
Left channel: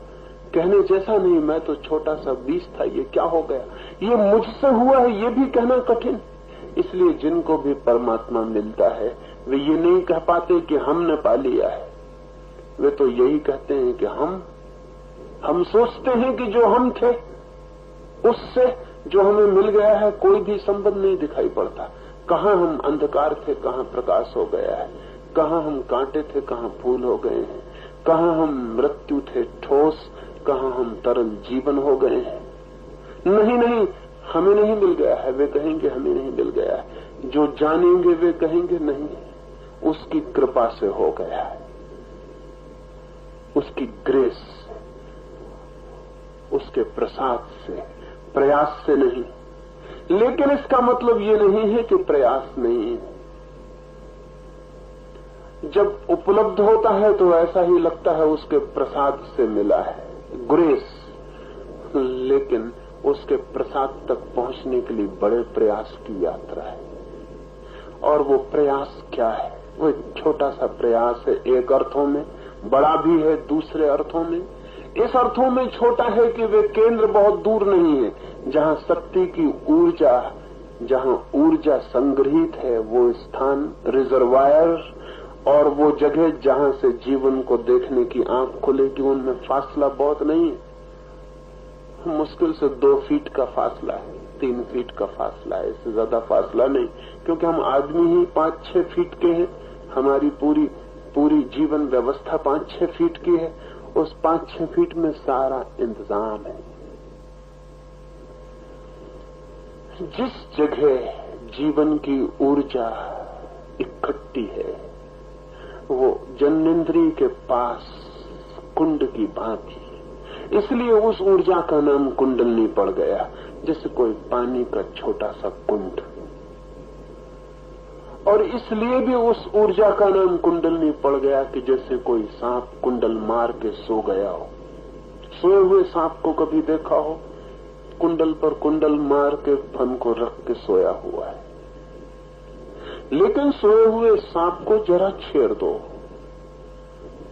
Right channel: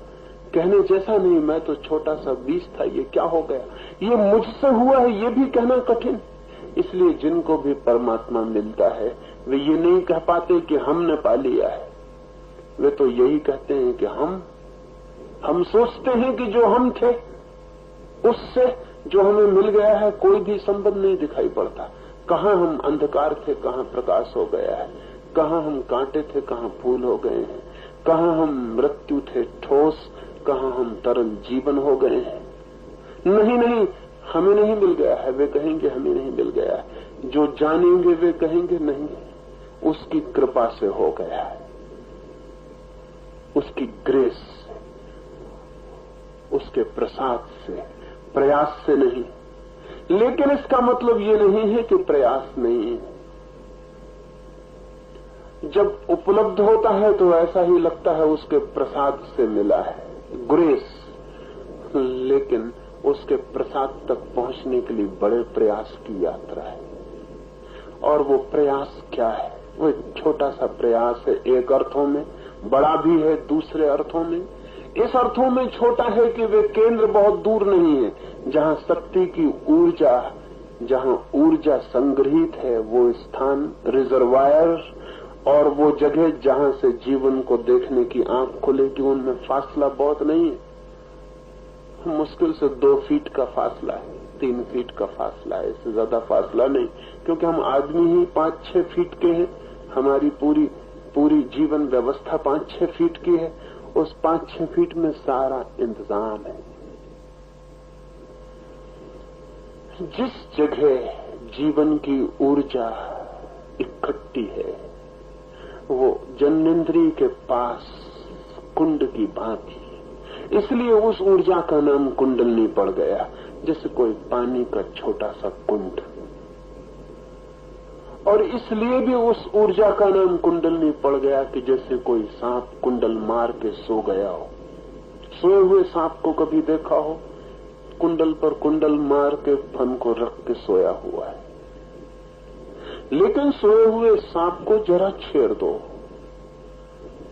कहने जैसा नहीं, मैं तो छोटा सा बीज था, ये क्या हो गया? ये मुझसे हुआ है, ये भी कहना कठिन। इसलिए जिनको भी परमात्मा मिलता है वे ये नहीं कह पाते कि हमने पा लिया है। वे तो यही कहते हैं कि हम सोचते हैं कि जो हम थे उससे जो हमें मिल गया है कोई भी संबंध नहीं दिखाई पड़ता। कहाँ हम अंधकार थे, कहाँ प्रकाश हो गया है, कहाँ हम कांटे थे, कहाँ फूल हो गए हैं, कहाँ हम मृत्यु थे ठोस, कहाँ हम तरल जीवन हो गए हैं। नहीं, हमें नहीं मिल गया है। वे कहेंगे हमें नहीं मिल गया है। जो जानेंगे वे कहेंगे नहीं, उसकी कृपा से हो गया है, उसकी ग्रेस से, उसके प्रसाद से, प्रयास से नहीं। लेकिन इसका मतलब ये नहीं है कि प्रयास नहीं है। जब उपलब्ध होता है तो ऐसा ही लगता है उसके प्रसाद से मिला है, ग्रेस। लेकिन उसके प्रसाद तक पहुंचने के लिए बड़े प्रयास की यात्रा है। और वो प्रयास क्या है? वो एक छोटा सा प्रयास है, एक अर्थों में बड़ा भी है, दूसरे अर्थों में। इस अर्थों में छोटा है कि वे केंद्र बहुत दूर नहीं है। जहां शक्ति की ऊर्जा, जहां ऊर्जा संग्रहित है वो स्थान रिजर्वायर, और वो जगह जहां से जीवन को देखने की आंख खुलेगी, उनमें फासला बहुत नहीं है। मुश्किल से 2 फीट का फासला है, 3 फीट का फासला है, इससे ज्यादा फासला नहीं। क्योंकि हम आदमी ही 5-6 फीट के हैं। हमारी पूरी जीवन व्यवस्था 5-6 फीट की है। उस 5-6 फीट में सारा इंतजाम है। जिस जगह जीवन की ऊर्जा इकट्ठी है वो जन्नेन्द्रिय के पास कुंड की भांति, इसलिए उस ऊर्जा का नाम कुंडलनी पड़ गया। जैसे कोई पानी का छोटा सा कुंड। और इसलिए भी उस ऊर्जा का नाम कुंडलनी पड़ गया कि जैसे कोई सांप कुंडल मार के सो गया हो। सोए हुए सांप को कभी देखा हो? कुंडल पर कुंडल मार के फन को रख के सोया हुआ है। लेकिन सोए हुए सांप को जरा छेड़ दो,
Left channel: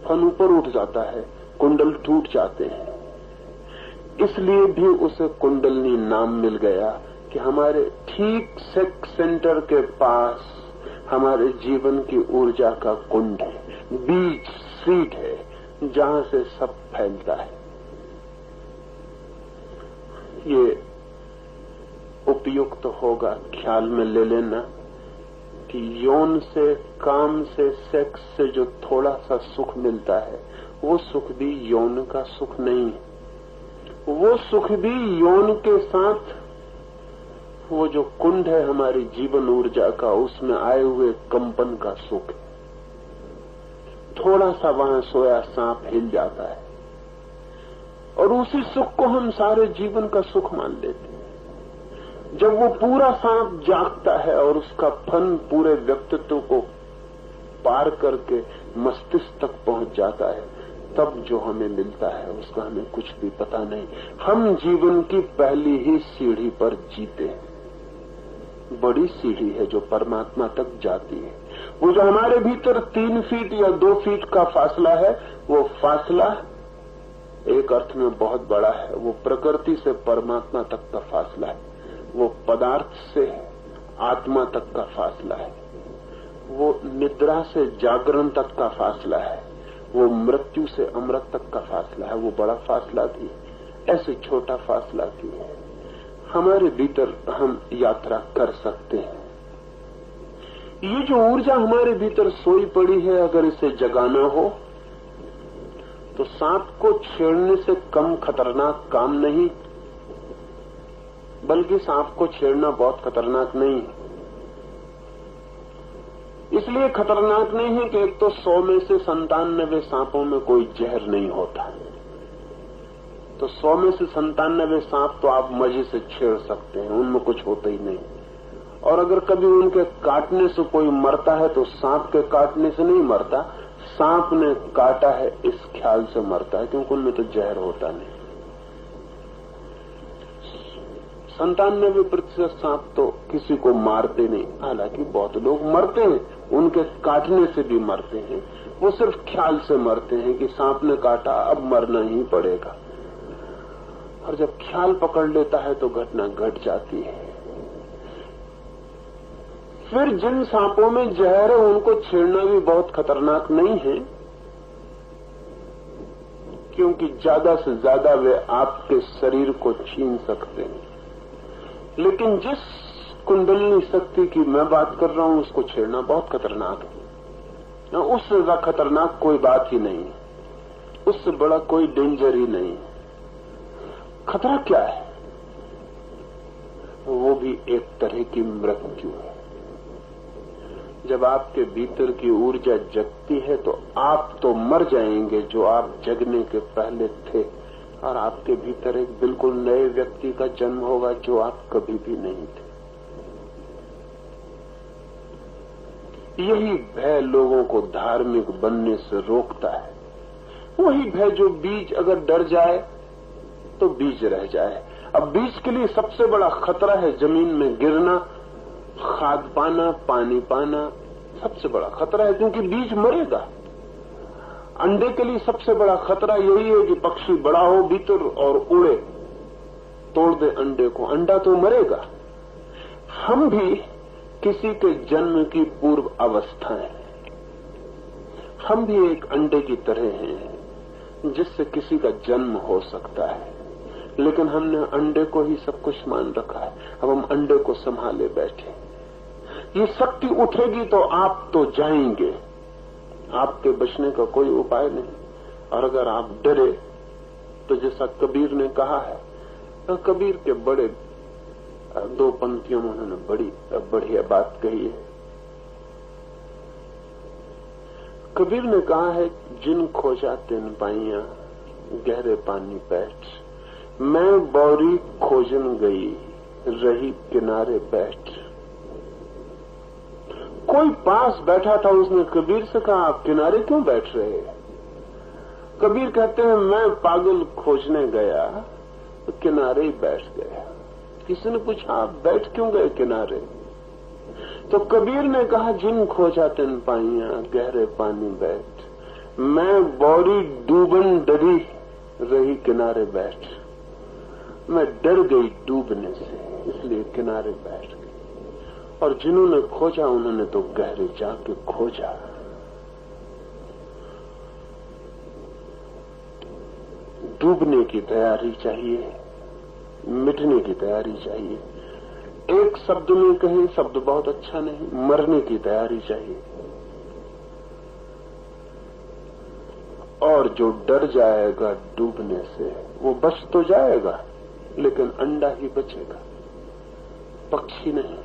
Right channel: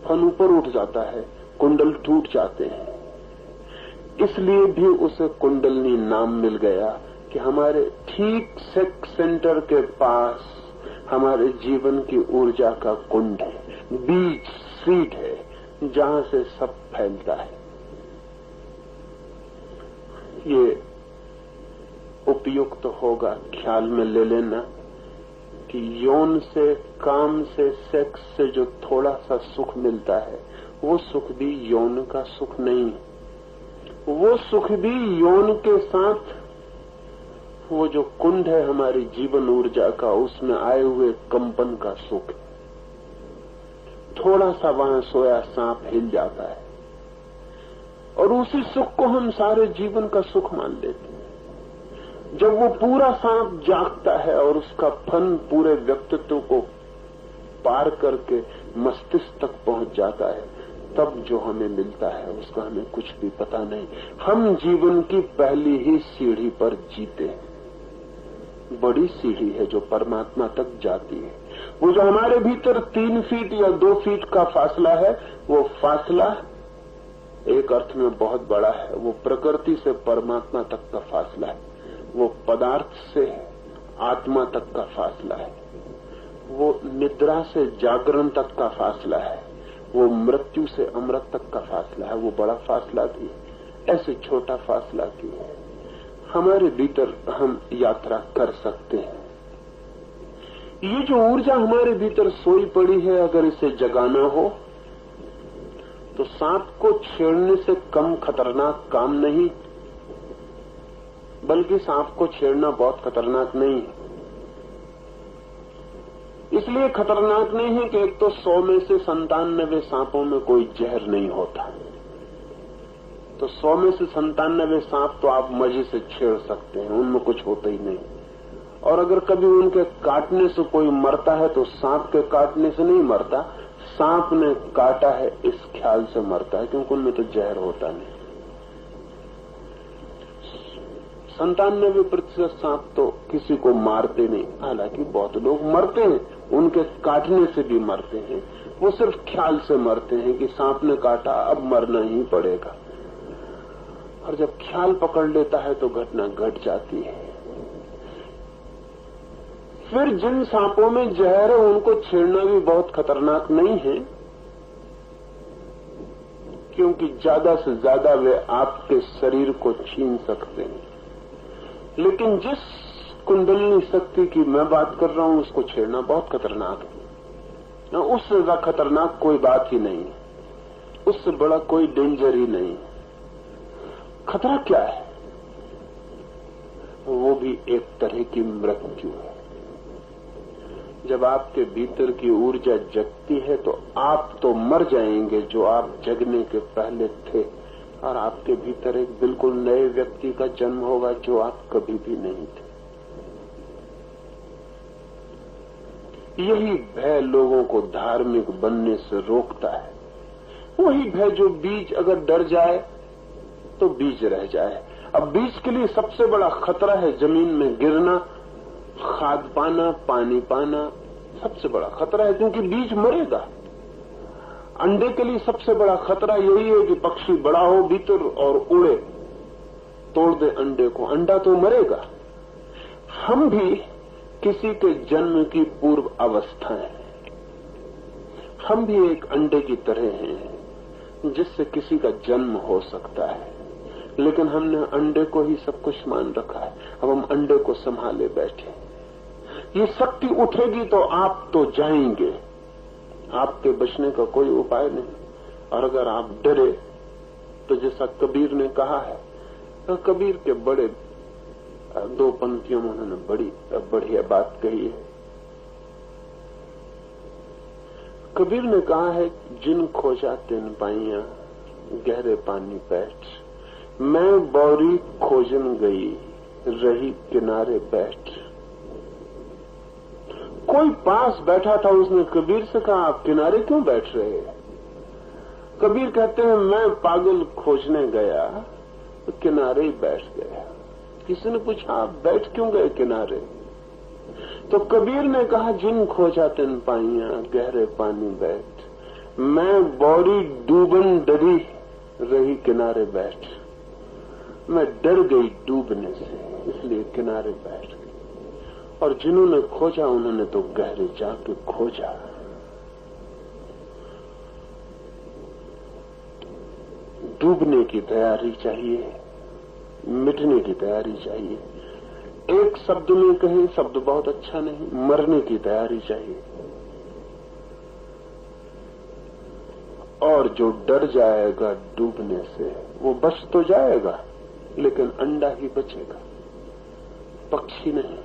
फन ऊपर उठ जाता है, कुंडल टूट जाते हैं। इसलिए भी उसे कुंडलनी नाम मिल गया कि हमारे ठीक सेक्स सेंटर के पास हमारे जीवन की ऊर्जा का कुंड है, बीज, सीड है, जहां से सब फैलता है। ये उपयुक्त होगा ख्याल में ले लेना कि यौन से, काम से, सेक्स से जो थोड़ा सा सुख मिलता है वो सुख भी यौन का सुख नहीं। वो सुख भी यौन के साथ वो जो कुंड है हमारी जीवन ऊर्जा का, उसमें आए हुए कंपन का सुख। थोड़ा सा वहां सोया सांप हिल जाता है और उसी सुख को हम सारे जीवन का सुख मान लेते हैं। जब वो पूरा सांप जागता है और उसका फन पूरे व्यक्तित्व को पार करके मस्तिष्क तक पहुंच जाता है, तब जो हमें मिलता है उसका हमें कुछ भी पता नहीं। हम जीवन की पहली ही सीढ़ी पर जीते हैं। बड़ी सीढ़ी है जो परमात्मा तक जाती है। वो जो हमारे भीतर 3 फीट या 2 फीट का फासला है, वो फासला एक अर्थ में बहुत बड़ा है। वो प्रकृति से परमात्मा तक का फासला है, वो पदार्थ से आत्मा तक का फासला है, वो निद्रा से जागरण तक का फासला है, वो मृत्यु से अमृत तक का फासला है, वो बड़ा फासला भी है, ऐसे छोटा फासला भी है। हमारे भीतर हम यात्रा कर सकते हैं। ये जो ऊर्जा हमारे भीतर सोई पड़ी है, अगर इसे जगाना हो तो सांप को छेड़ने से कम खतरनाक काम नहीं, बल्कि सांप को छेड़ना बहुत खतरनाक नहीं है। इसलिए खतरनाक नहीं है कि एक तो 100 में से 97 सांपों में कोई जहर नहीं होता, तो 100 में से 97 सांप तो आप मजे से छेड़ सकते हैं, उनमें कुछ होता ही नहीं। और अगर कभी उनके काटने से कोई मरता है तो सांप के काटने से नहीं मरता, सांप ने काटा है इस ख्याल से मरता है, क्योंकि उनमें तो जहर होता नहीं। 97% सांप तो किसी को मारते नहीं, हालांकि बहुत लोग मरते हैं, उनके काटने से भी मरते हैं, वो सिर्फ ख्याल से मरते हैं कि सांप ने काटा, अब मरना ही पड़ेगा। और जब ख्याल पकड़ लेता है तो घटना घट जाती है। फिर जिन सांपों में जहर है उनको छेड़ना भी बहुत खतरनाक नहीं है, क्योंकि ज्यादा से ज्यादा वे आपके शरीर को छीन सकते हैं। लेकिन जिस कुंडलनी शक्ति की मैं बात कर रहा हूं, उसको छेड़ना बहुत खतरनाक है। उससे ज्यादा खतरनाक कोई बात ही नहीं, उससे बड़ा कोई डेंजर ही नहीं। खतरा क्या है? वो भी एक तरह की मृत्यु है। जब आपके भीतर की ऊर्जा जगती है तो आप तो मर जाएंगे जो आप जगने के पहले थे, और आपके भीतर एक बिल्कुल नए व्यक्ति का जन्म होगा जो आप कभी भी नहीं थे। यही भय लोगों को धार्मिक बनने से रोकता है। वही भय जो बीज अगर डर जाए तो बीज रह जाए। अब बीज के लिए सबसे बड़ा खतरा है जमीन में गिरना, खाद पाना, पानी पाना, सबसे बड़ा खतरा है, क्योंकि बीज मरेगा। अंडे के लिए सबसे बड़ा खतरा यही है कि पक्षी बड़ा हो भीतर और उड़े, तोड़ दे अंडे को, अंडा तो मरेगा। हम भी किसी के जन्म की पूर्व अवस्था है, हम भी एक अंडे की तरह हैं जिससे किसी का जन्म हो सकता है, लेकिन हमने अंडे को ही सब कुछ मान रखा है। अब हम अंडे को संभाले बैठे। ये शक्ति उठेगी तो आप तो जाएंगे, आपके बचने का कोई उपाय नहीं। और अगर आप डरे तो जैसा कबीर ने कहा है, तो कबीर के बड़े 2 पंक्तियों में उन्होंने बड़ी बढ़िया बात कही है। कबीर ने कहा है, जिन खोजा तिन पाइया गहरे पानी बैठ, मैं बौरी खोजन गई रही किनारे बैठ। कोई पास बैठा था, उसने कबीर से कहा, आप किनारे क्यों बैठ रहे हैं? कबीर कहते हैं, मैं पागल खोजने गया तो किनारे ही बैठ गया। किसी ने पूछा, आप बैठ क्यों गए किनारे? तो कबीर ने कहा, जिन खोजा तिन पाइया गहरे पानी बैठ, मैं बौरी डूबन डरी रही किनारे बैठ। मैं डर गई डूबने से, इसलिए किनारे बैठ गई। और जिन्होंने खोजा उन्होंने तो गहरे जाके खोजा। डूबने की तैयारी चाहिए, मिटने की तैयारी चाहिए। एक शब्द में कहें, शब्द बहुत अच्छा नहीं, मरने की तैयारी चाहिए। और जो डर जाएगा डूबने से वो बच तो जाएगा, लेकिन अंडा ही बचेगा, पक्षी नहीं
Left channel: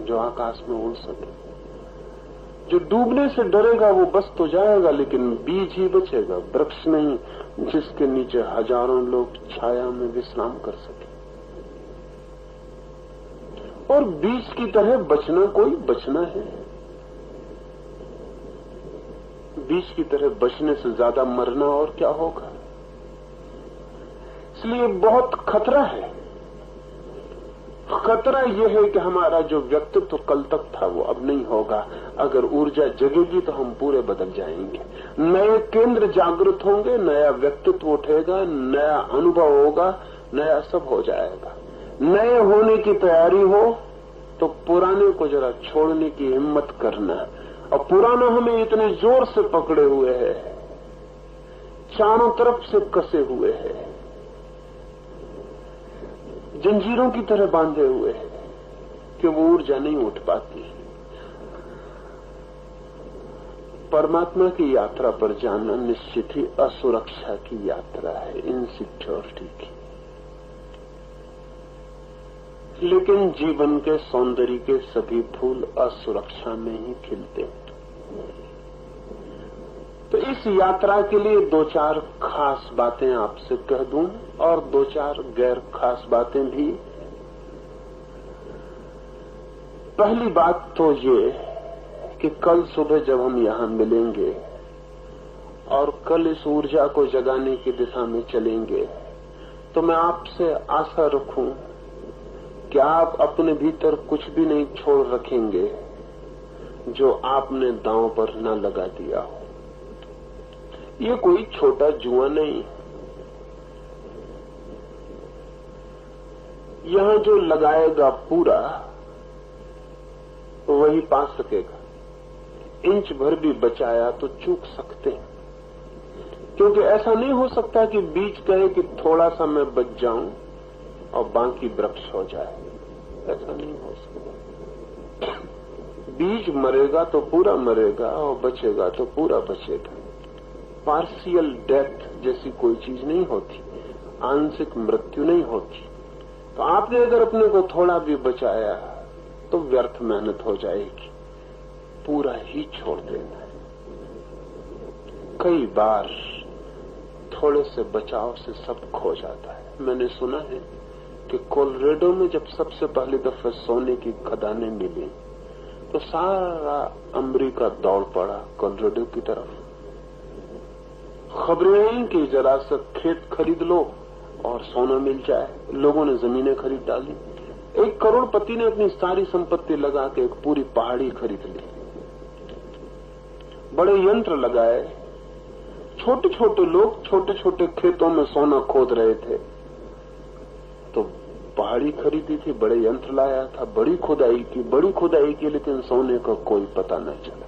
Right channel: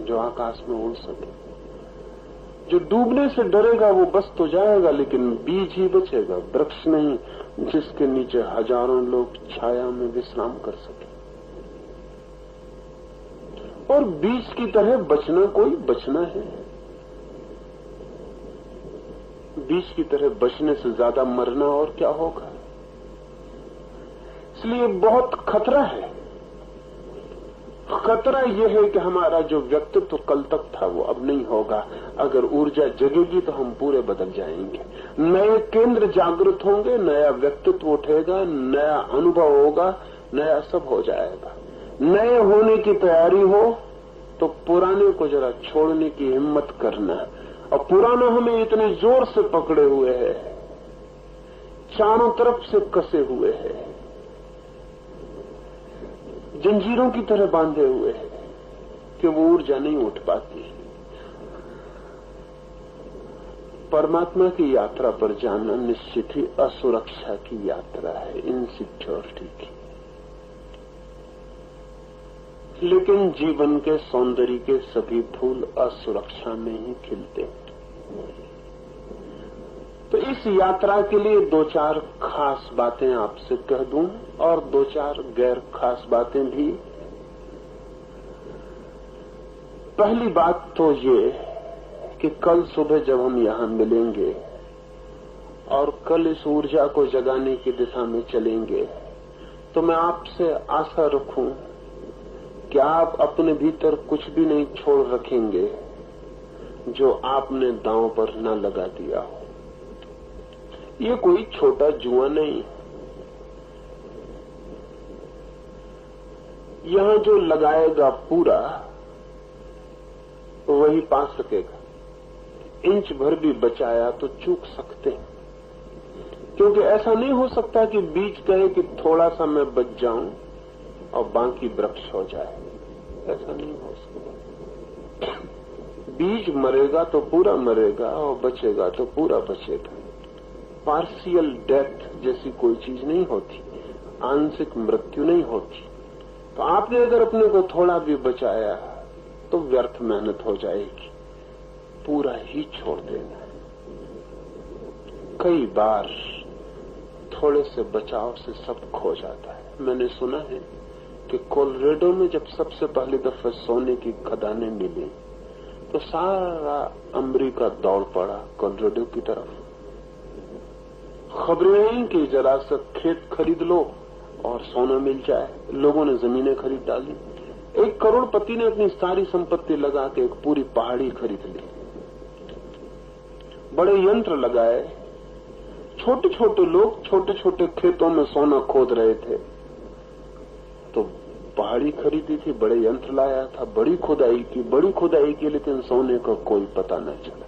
जो आकाश में उड़ सके। जो डूबने से डरेगा वो बच तो जाएगा, लेकिन बीज ही बचेगा, वृक्ष नहीं जिसके नीचे हजारों लोग छाया में विश्राम कर सके। और बीज की तरह बचना कोई बचना है। बीज की तरह बचने से ज्यादा मरना और क्या होगा। इसलिए बहुत खतरा है। खतरा यह है कि हमारा जो व्यक्तित्व कल तक था वो अब नहीं होगा। अगर ऊर्जा जगेगी तो हम पूरे बदल जाएंगे, नए केंद्र जागृत होंगे, नया व्यक्तित्व उठेगा, नया अनुभव होगा, नया सब हो जाएगा। नए होने की तैयारी हो तो पुराने को जरा छोड़ने की हिम्मत करना। और पुराना हमें इतने जोर से पकड़े हुए है चारों तरफ से कसे हुए हैं, जंजीरों की तरह बांधे हुए हैं कि वो ऊर्जा नहीं उठ पाती। परमात्मा की यात्रा पर जाना निश्चित ही असुरक्षा की यात्रा है, इनसिक्योरिटी की। लेकिन जीवन के सौंदर्य के सभी फूल असुरक्षा में ही खिलते हैं। तो इस यात्रा के लिए दो चार खास बातें आपसे कह दूं और दो चार गैर खास बातें भी। पहली बात तो ये कि कल सुबह जब हम यहां मिलेंगे और कल इस ऊर्जा को जगाने की दिशा में चलेंगे, तो मैं आपसे आशा रखूं कि आप अपने भीतर कुछ भी नहीं छोड़ रखेंगे जो आपने दांव पर न लगा दिया हो। ये कोई छोटा जुआ नहीं। यहां जो लगाएगा पूरा वही पा सकेगा। इंच भर भी बचाया तो चूक सकते हैं, क्योंकि ऐसा नहीं हो सकता कि बीज कहे कि थोड़ा सा मैं बच जाऊं और बाकी वृक्ष हो जाए। ऐसा नहीं हो सकता। बीज मरेगा तो पूरा मरेगा और बचेगा तो पूरा बचेगा। पार्शियल डेथ जैसी कोई चीज नहीं होती, आंशिक मृत्यु नहीं होती। तो आपने अगर अपने को थोड़ा भी बचाया तो व्यर्थ मेहनत हो जाएगी, पूरा ही छोड़ देना है। कई बार थोड़े से बचाव से सब खो जाता है। मैंने सुना है कि कोलोराडो में जब सबसे पहली दफा सोने की खदानें मिली तो सारा अमेरिका दौड़ पड़ा कोलोराडो की तरफ। खबरें आई कि जरा सा खेत खरीद लो और सोना मिल जाए। लोगों ने जमीनें खरीद डाली। एक करोड़पति ने अपनी सारी संपत्ति लगा के एक पूरी पहाड़ी खरीद ली। बड़े यंत्र लगाए। छोटे छोटे लोग छोटे छोटे खेतों में सोना खोद रहे थे, तो पहाड़ी खरीदी थी, बड़े यंत्र लाया था, बड़ी खुदाई की, लेकिन सोने का कोई पता न चला।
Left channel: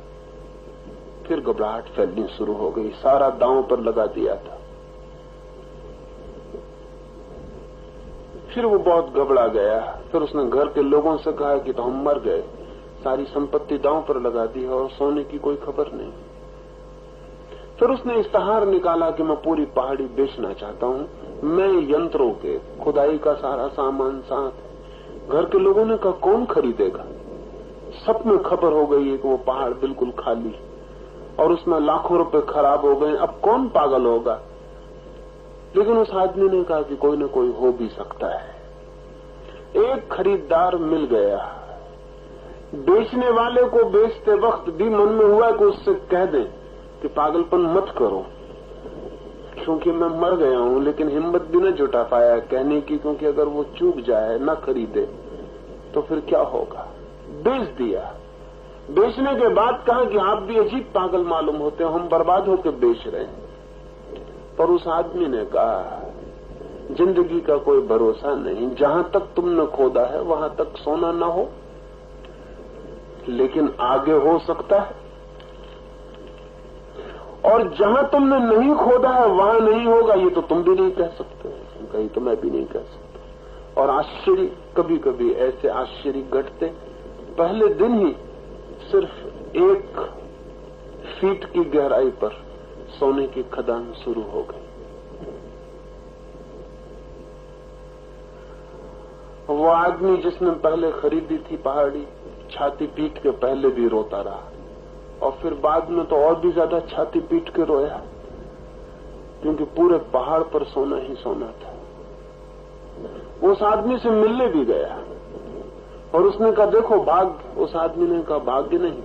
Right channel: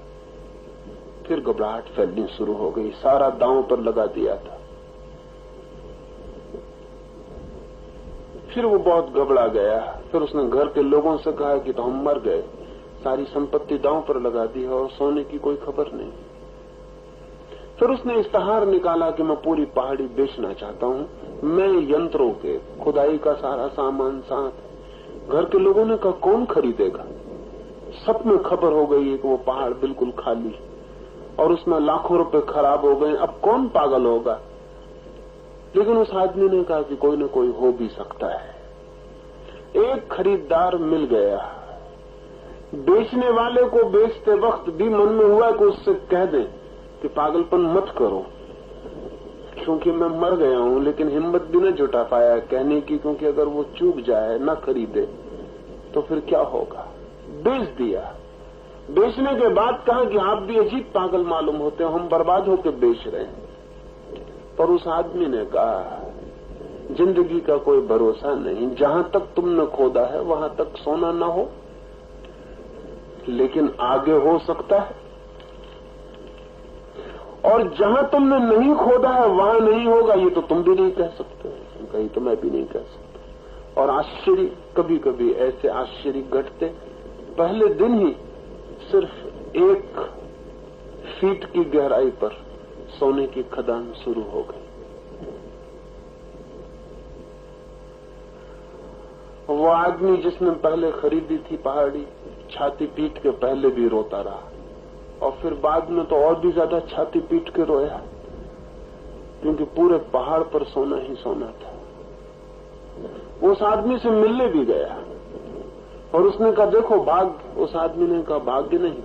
फिर घबराहट फैलनी शुरू हो गई। सारा दांव पर लगा दिया था। फिर वो बहुत घबरा गया। फिर उसने घर के लोगों से कहा कि तो हम मर गए, सारी संपत्ति दांव पर लगा दी और सोने की कोई खबर नहीं। फिर उसने इश्तहार निकाला कि मैं पूरी पहाड़ी बेचना चाहता हूं। मैं यंत्रों के खुदाई का सारा सामान साथ है। घर के लोगों ने कहा कौन खरीदेगा। सब में खबर हो गई है कि वो पहाड़ बिल्कुल खाली और उसमें लाखों रुपए खराब हो गए। अब कौन पागल होगा। लेकिन उस आदमी ने कहा कि कोई न कोई हो भी सकता है। एक खरीदार मिल गया। बेचने वाले को बेचते वक्त भी मन में हुआ कि उससे कह दे कि पागलपन मत करो, क्योंकि मैं मर गया हूं, लेकिन हिम्मत भी न जुटा पाया कहने की, क्योंकि अगर वो चूक जाए न खरीदे तो फिर क्या होगा। बेच दिया। बेचने के बाद कहा कि आप भी अजीब पागल मालूम होते हो, हम बर्बाद होकर बेच रहे हैं। पर उस आदमी ने कहा जिंदगी का कोई भरोसा नहीं, जहां तक तुमने खोदा है वहां तक सोना न हो, लेकिन आगे हो सकता है, और जहां तुमने नहीं खोदा है वहां नहीं होगा, ये तो तुम भी नहीं कह सकते, कहीं तो मैं भी नहीं कह सकता। और आश्चर्य, कभी कभी ऐसे आश्चर्य घटते, पहले दिन ही सिर्फ 1 फीट की गहराई पर सोने की खदान शुरू हो गई। वो आदमी जिसने पहले खरीदी थी पहाड़ी, छाती पीट के पहले भी रोता रहा और फिर बाद में तो और भी ज्यादा छाती पीट के रोया, क्योंकि पूरे पहाड़ पर सोना ही सोना था। वो उस आदमी से मिलने भी गया और उसने कहा देखो भाग्य। उस आदमी ने कहा भाग्य नहीं,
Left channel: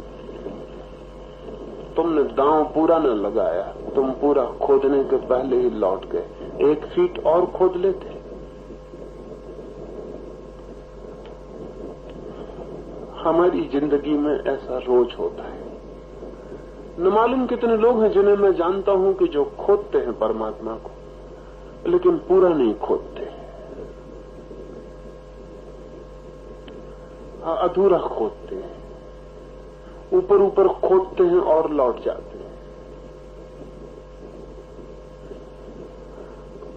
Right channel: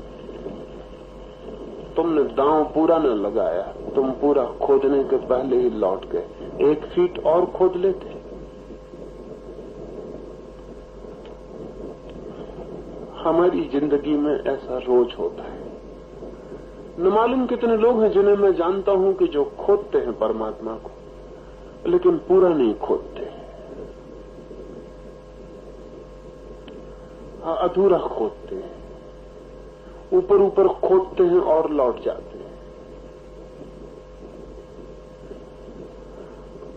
तुमने दांव पूरा न लगाया, तुम पूरा खोदने के पहले ही लौट गए। 1 फीट और खोद लेते। हमारी जिंदगी में ऐसा रोज होता है। न मालूम कितने लोग हैं जिन्हें मैं जानता हूं कि जो खोदते हैं परमात्मा को, लेकिन पूरा नहीं खोदते, अधूरा खोदते हैं, ऊपर ऊपर खोदते हैं और लौट जाते हैं।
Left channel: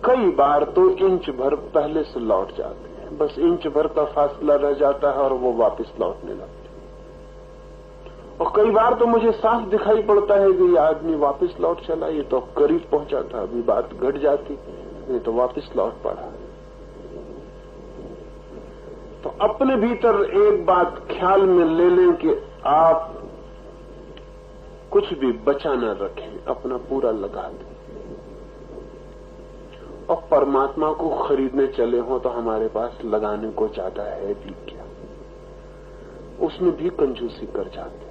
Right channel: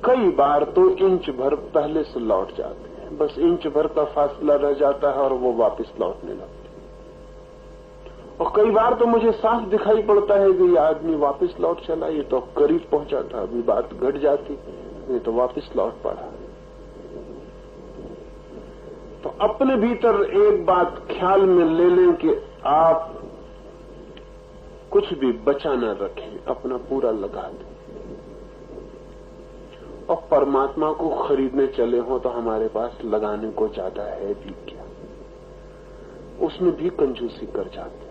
कई बार तो इंच भर पहले से लौट जाते हैं, बस इंच भर का फासला रह जाता है और वो वापस लौटने लगते। और कई बार तो मुझे साफ दिखाई पड़ता है कि ये आदमी वापस लौट चला, ये तो करीब पहुंचा था, अभी बात घट जाती, ये तो वापस लौट पड़ा। तो अपने भीतर एक बात ख्याल में ले लें कि आप कुछ भी बचा न रखें, अपना पूरा लगा दें। और परमात्मा को खरीदने चले हो तो हमारे पास लगाने को ज्यादा है भी क्या, उसमें भी कंजूसी कर जाते।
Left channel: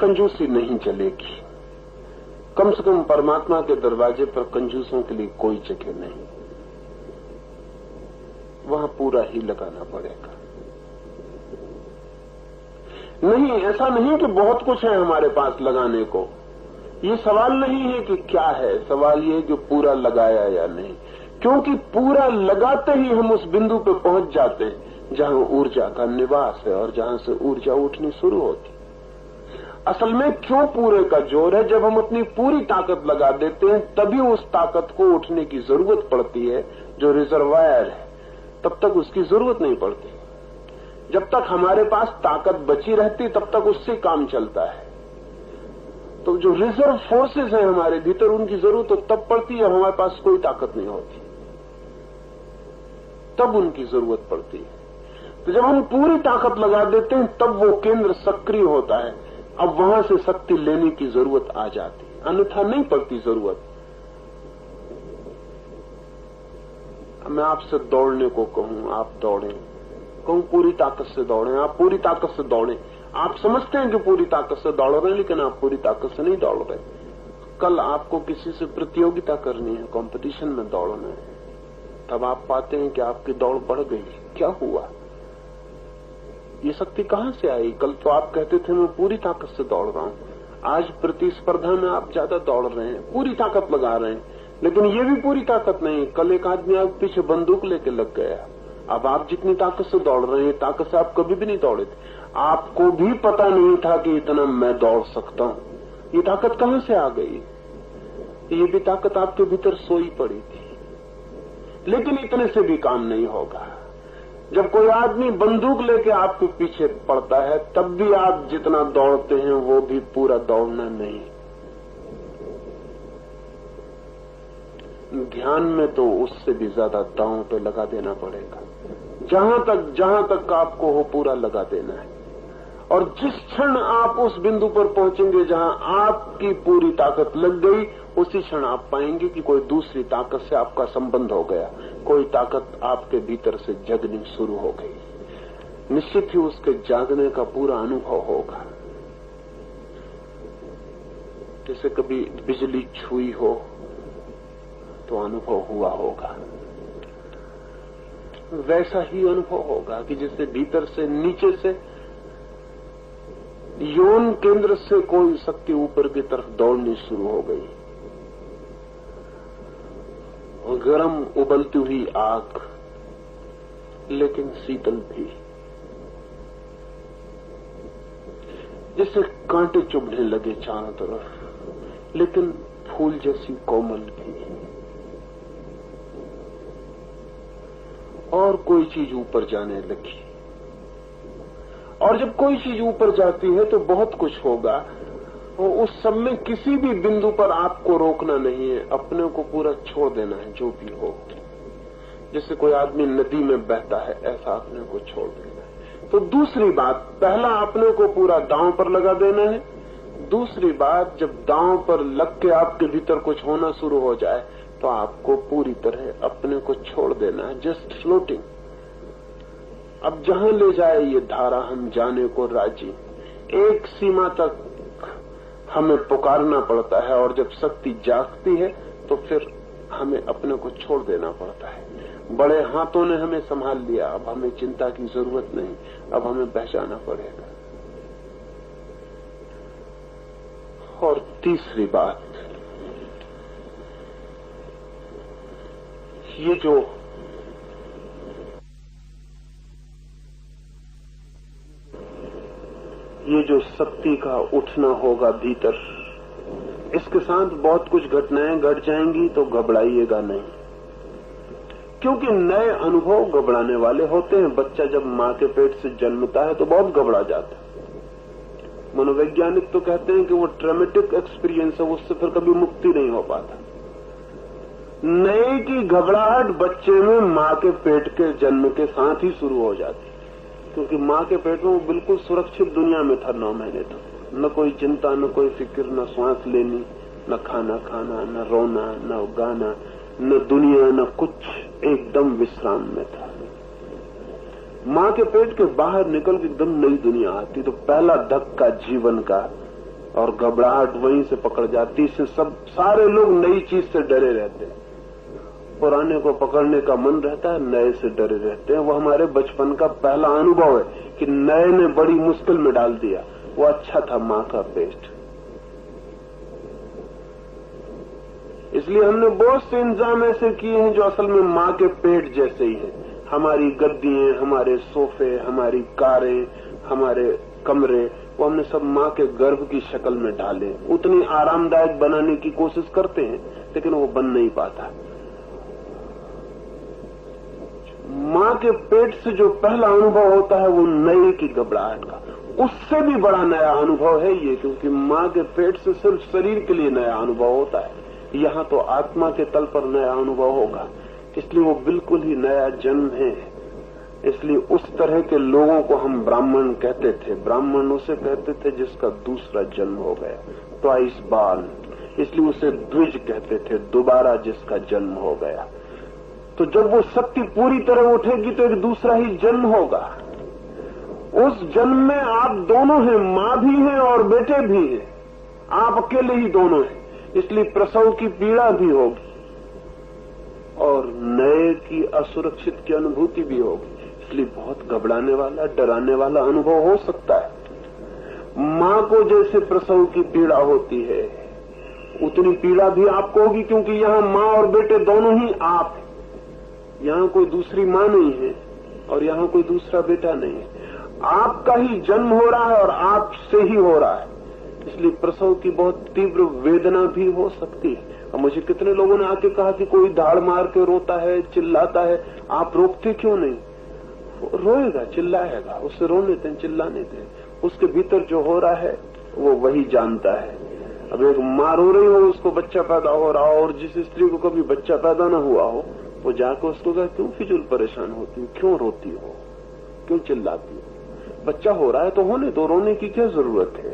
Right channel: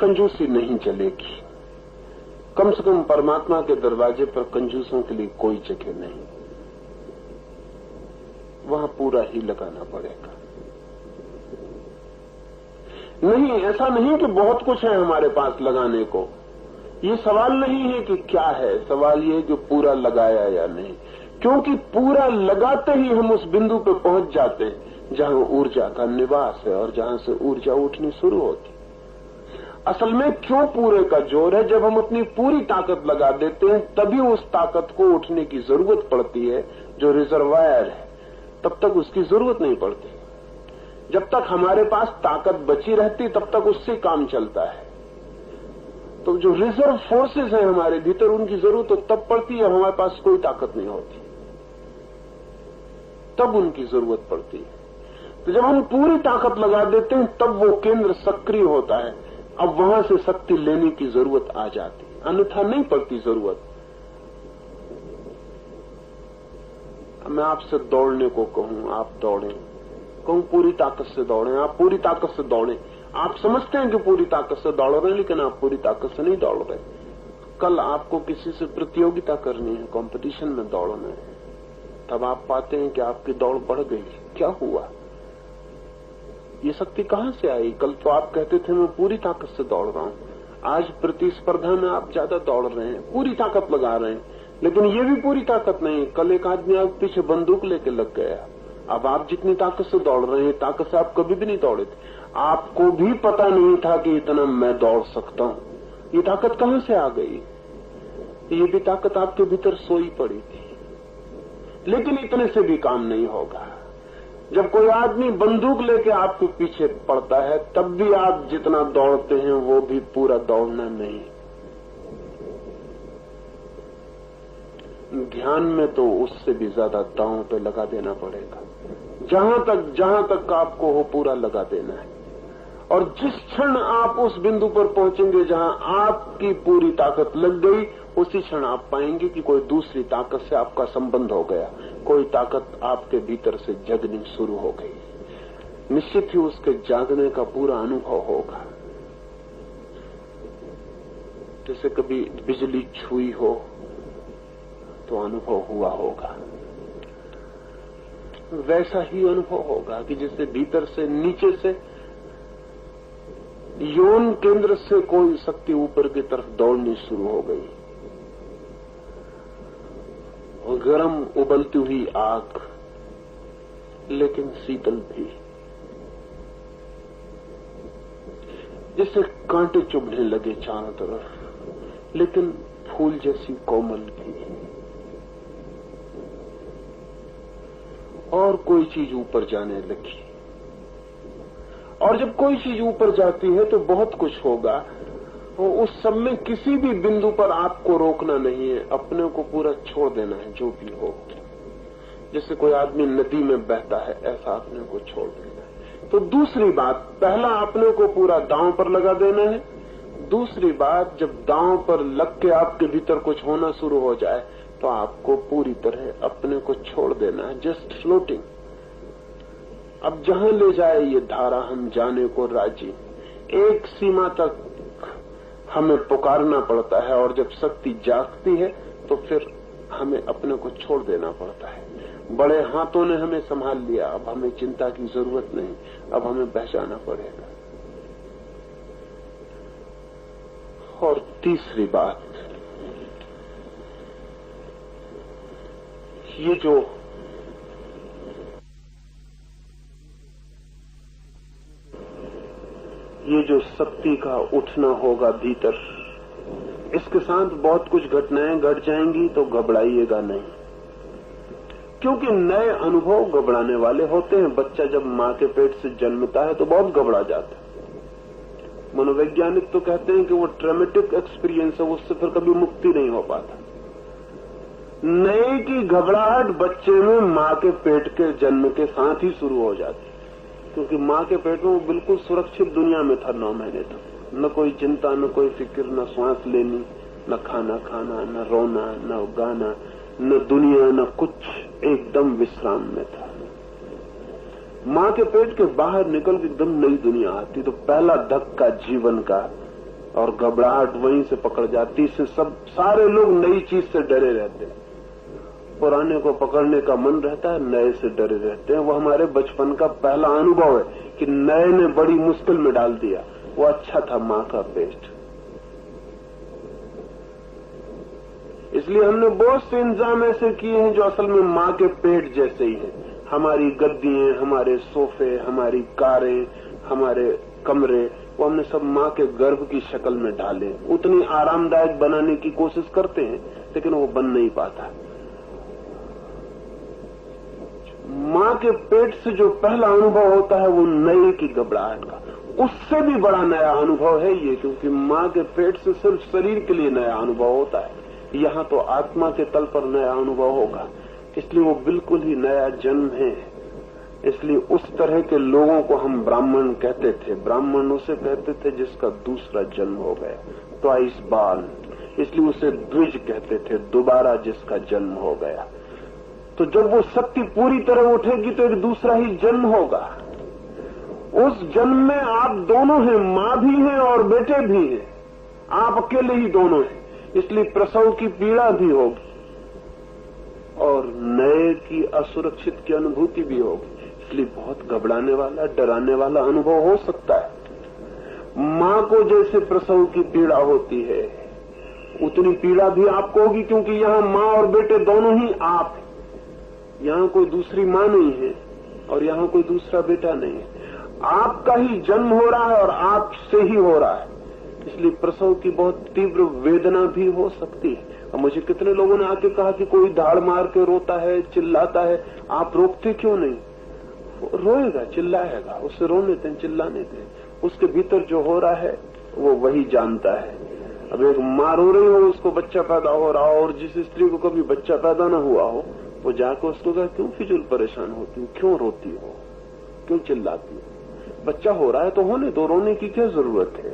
कंजूसी नहीं चलेगी, कम से कम परमात्मा के दरवाजे पर कंजूसों के लिए कोई जगह नहीं, वहां पूरा ही लगाना पड़ेगा। नहीं, ऐसा नहीं कि बहुत कुछ है हमारे पास लगाने को, ये सवाल नहीं है कि क्या है, सवाल ये है कि पूरा लगाया या नहीं। क्योंकि पूरा लगाते ही हम उस बिंदु पर पहुंच जाते हैं जहां ऊर्जा का निवास है और जहां से ऊर्जा उठनी शुरू होती। असल में क्यों पूरे का जोर है, जब हम अपनी पूरी ताकत लगा देते हैं तभी उस ताकत को उठने की जरूरत पड़ती है। जो रिजर्वायर है तब तक उसकी जरूरत नहीं पड़ती। जब तक हमारे पास ताकत बची रहती तब तक उससे काम चलता है। तो जो रिजर्व फोर्सेस हैं हमारे भीतर, उनकी जरूरत तो तब पड़ती है हमारे पास कोई ताकत नहीं होती, तब उनकी जरूरत पड़ती है। तो जब हम पूरी ताकत लगा देते हैं तब वो केंद्र सक्रिय होता है, अब वहां से शक्ति लेने की जरूरत आ जाती है, अन्यथा नहीं पड़ती जरूरत। मैं आपसे दौड़ने को कहूं, आप दौड़ें, कहूं पूरी ताकत से दौड़ें, आप पूरी ताकत से दौड़ें। आप समझते हैं कि पूरी ताकत से दौड़ रहे हैं, लेकिन आप पूरी ताकत से नहीं दौड़ रहे। कल आपको किसी से प्रतियोगिता करनी है, कंपटीशन में दौड़ना है, तब आप पाते हैं कि आपकी दौड़ बढ़ गई। क्या हुआ? ये शक्ति कहां से आई? कल तो आप कहते थे मैं पूरी ताकत से दौड़ रहा हूं, आज प्रतिस्पर्धा में आप ज्यादा दौड़ रहे हैं, पूरी ताकत लगा रहे हैं, लेकिन ये भी पूरी ताकत नहीं। कल एक आदमी आपके पीछे बंदूक लेके लग गया, अब आप जितनी ताकत से दौड़ रहे हैं, ताकत से आप कभी भी नहीं दौड़े थे। आपको भी पता नहीं था कि इतना मैं दौड़ सकता हूं। ये ताकत कहां से आ गई? ये भी ताकत आपके भीतर सोई पड़ी थी। लेकिन इतने से भी काम नहीं होगा। जब कोई आदमी बंदूक लेके आपके पीछे पड़ता है तब भी आप जितना दौड़ते हैं वो भी पूरा दौड़ना नहीं। ध्यान में तो उससे भी ज्यादा दांव पे लगा देना पड़ेगा। जहां तक आपको हो पूरा लगा देना है। और जिस क्षण आप उस बिंदु पर पहुंचेंगे जहां आपकी पूरी ताकत लग गई, उसी क्षण आप पाएंगे कि कोई दूसरी ताकत से आपका संबंध हो गया, कोई ताकत आपके भीतर से जगनी शुरू हो गई। निश्चित ही उसके जागने का पूरा अनुभव होगा। जैसे कभी बिजली छुई हो तो अनुभव हुआ होगा, वैसा ही अनुभव होगा कि जैसे भीतर से, नीचे से, यौन केंद्र से कोई शक्ति ऊपर की तरफ दौड़नी शुरू हो गई। और गर्म उबलती हुई आग, लेकिन शीतल भी, जैसे कांटे चुभने लगे चारों तरफ, लेकिन फूल जैसी कोमल भी। और कोई चीज ऊपर जाने लगी। और जब कोई चीज ऊपर जाती है तो बहुत कुछ होगा। और उस सब में किसी भी बिंदु पर आपको रोकना नहीं है, अपने को पूरा छोड़ देना है जो भी हो। जैसे कोई आदमी नदी में बहता है, ऐसा अपने को छोड़ देना है। तो दूसरी बात, पहला अपने को पूरा दांव पर लगा देना है। दूसरी बात, जब दांव पर लग के आपके भीतर कुछ होना शुरू हो जाए तो आपको पूरी तरह अपने को छोड़ देना है, जस्ट फ्लोटिंग। अब जहां ले जाए ये धारा, हम जाने को राजी। एक सीमा तक हमें पुकारना पड़ता है, और जब शक्ति जागती है तो फिर हमें अपने को छोड़ देना पड़ता है। बड़े हाथों ने हमें संभाल लिया, अब हमें चिंता की जरूरत नहीं, अब हमें बचाना पड़ेगा। और तीसरी बात, ये जो शक्ति का उठना होगा भीतर, इसके साथ बहुत कुछ घटनाएं घट जाएंगी तो घबराइएगा नहीं, क्योंकि नए अनुभव घबराने वाले होते हैं। बच्चा जब मां के पेट से जन्मता है तो बहुत घबरा जाता है। मनोवैज्ञानिक तो कहते हैं कि वो ट्रॉमेटिक एक्सपीरियंस है, उससे फिर कभी मुक्ति नहीं हो पाता। नए की घबराहट बच्चे में मां के पेट के जन्म के साथ ही शुरू हो जाती, क्योंकि मां के पेट में वो बिल्कुल सुरक्षित दुनिया में था 9 महीने तक। न कोई चिंता, न कोई फिक्र, न सांस लेनी, न खाना खाना, न रोना, न गाना, न दुनिया, न कुछ, एकदम विश्राम में था। मां के पेट के बाहर निकल के एकदम नई दुनिया आती तो पहला धक्का जीवन का, और घबराहट वहीं से पकड़ जाती। इससे सारे लोग नई चीज से डरे रहते हैं। पुराने को पकड़ने का मन रहता है, नए से डरे रहते हैं। वो हमारे बचपन का पहला अनुभव है कि नए ने बड़ी मुश्किल में डाल दिया। वो अच्छा था मां का पेट, इसलिए हमने बहुत से इंतजाम ऐसे किए हैं जो असल में मां के पेट जैसे ही हैं। हमारी गद्दियां, हमारे सोफे, हमारी कारें, हमारे कमरे, वो हमने सब मां के गर्भ की शक्ल में डाले। उतनी आरामदायक बनाने की कोशिश करते हैं, लेकिन वो बन नहीं पाता। मां के पेट से जो पहला अनुभव होता है वो नए की घबराहट का, उससे भी बड़ा नया अनुभव है ये, क्योंकि मां के पेट से सिर्फ शरीर के लिए नया अनुभव होता है, यहाँ तो आत्मा के तल पर नया अनुभव होगा। इसलिए वो बिल्कुल ही नया जन्म है। इसलिए उस तरह के लोगों को हम ब्राह्मण कहते थे। ब्राह्मण उसे कहते थे जिसका दूसरा जन्म हो गया, ट्वाइस बॉर्न। इसलिए उसे द्विज कहते थे, दोबारा जिसका जन्म हो गया। तो जब वो शक्ति पूरी तरह उठेगी तो एक दूसरा ही जन्म होगा। उस जन्म में आप दोनों हैं, मां भी हैं और बेटे भी हैं, आप अकेले ही दोनों हैं। इसलिए प्रसव की पीड़ा भी होगी और नए की असुरक्षित की अनुभूति भी होगी। इसलिए बहुत घबराने वाला, डराने वाला अनुभव हो सकता है। मां को जैसे प्रसव की पीड़ा होती है उतनी पीड़ा भी आपको होगी, क्योंकि यहाँ मां और बेटे दोनों ही आप हैं। यहाँ कोई दूसरी मां नहीं है और यहाँ कोई दूसरा बेटा नहीं है। आपका ही जन्म हो रहा है और आपसे ही हो रहा है। इसलिए प्रसव की बहुत तीव्र वेदना भी हो सकती है। और मुझे कितने लोगों ने आके कहा कि कोई धाड़ मार के रोता है, चिल्लाता है, आप रोकते क्यों नहीं? रोएगा, चिल्लाएगा, उससे रोने दें, चिल्लाने दें। उसके भीतर जो हो रहा है वो वही जानता है। अब एक मां रो रही हो, उसको बच्चा पैदा हो रहा हो, और जिस स्त्री को कभी बच्चा पैदा न हुआ हो वो जाकर उसको कहा, क्यों फिजूल परेशान होती हो, क्यों रोती हो, क्यों चिल्लाती हो? बच्चा हो रहा है तो होने दो, रोने की क्या जरूरत है?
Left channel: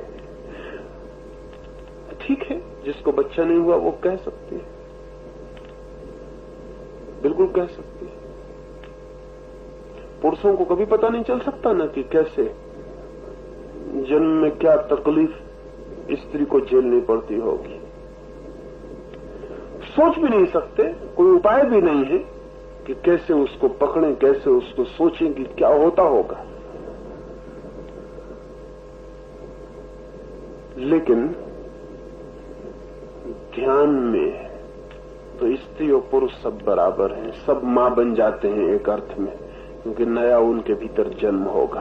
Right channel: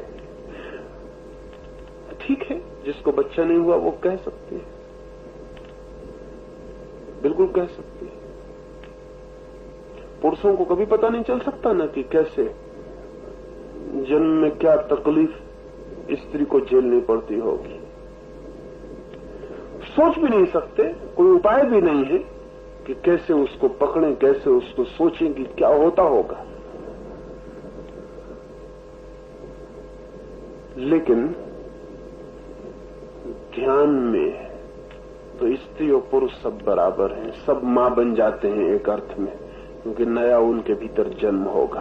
ठीक है, जिसको बच्चा नहीं हुआ वो कह सकती है, बिल्कुल कह सकती है। पुरुषों को कभी पता नहीं चल सकता ना कि कैसे जन्म में क्या तकलीफ स्त्री को झेलनी पड़ती होगी। सोच भी नहीं सकते, कोई उपाय भी नहीं है कि कैसे उसको पकड़ें, कैसे उसको सोचें कि क्या होता होगा। लेकिन ध्यान में तो स्त्री और पुरुष सब बराबर हैं, सब मां बन जाते हैं एक अर्थ में, क्योंकि नया उनके भीतर जन्म होगा।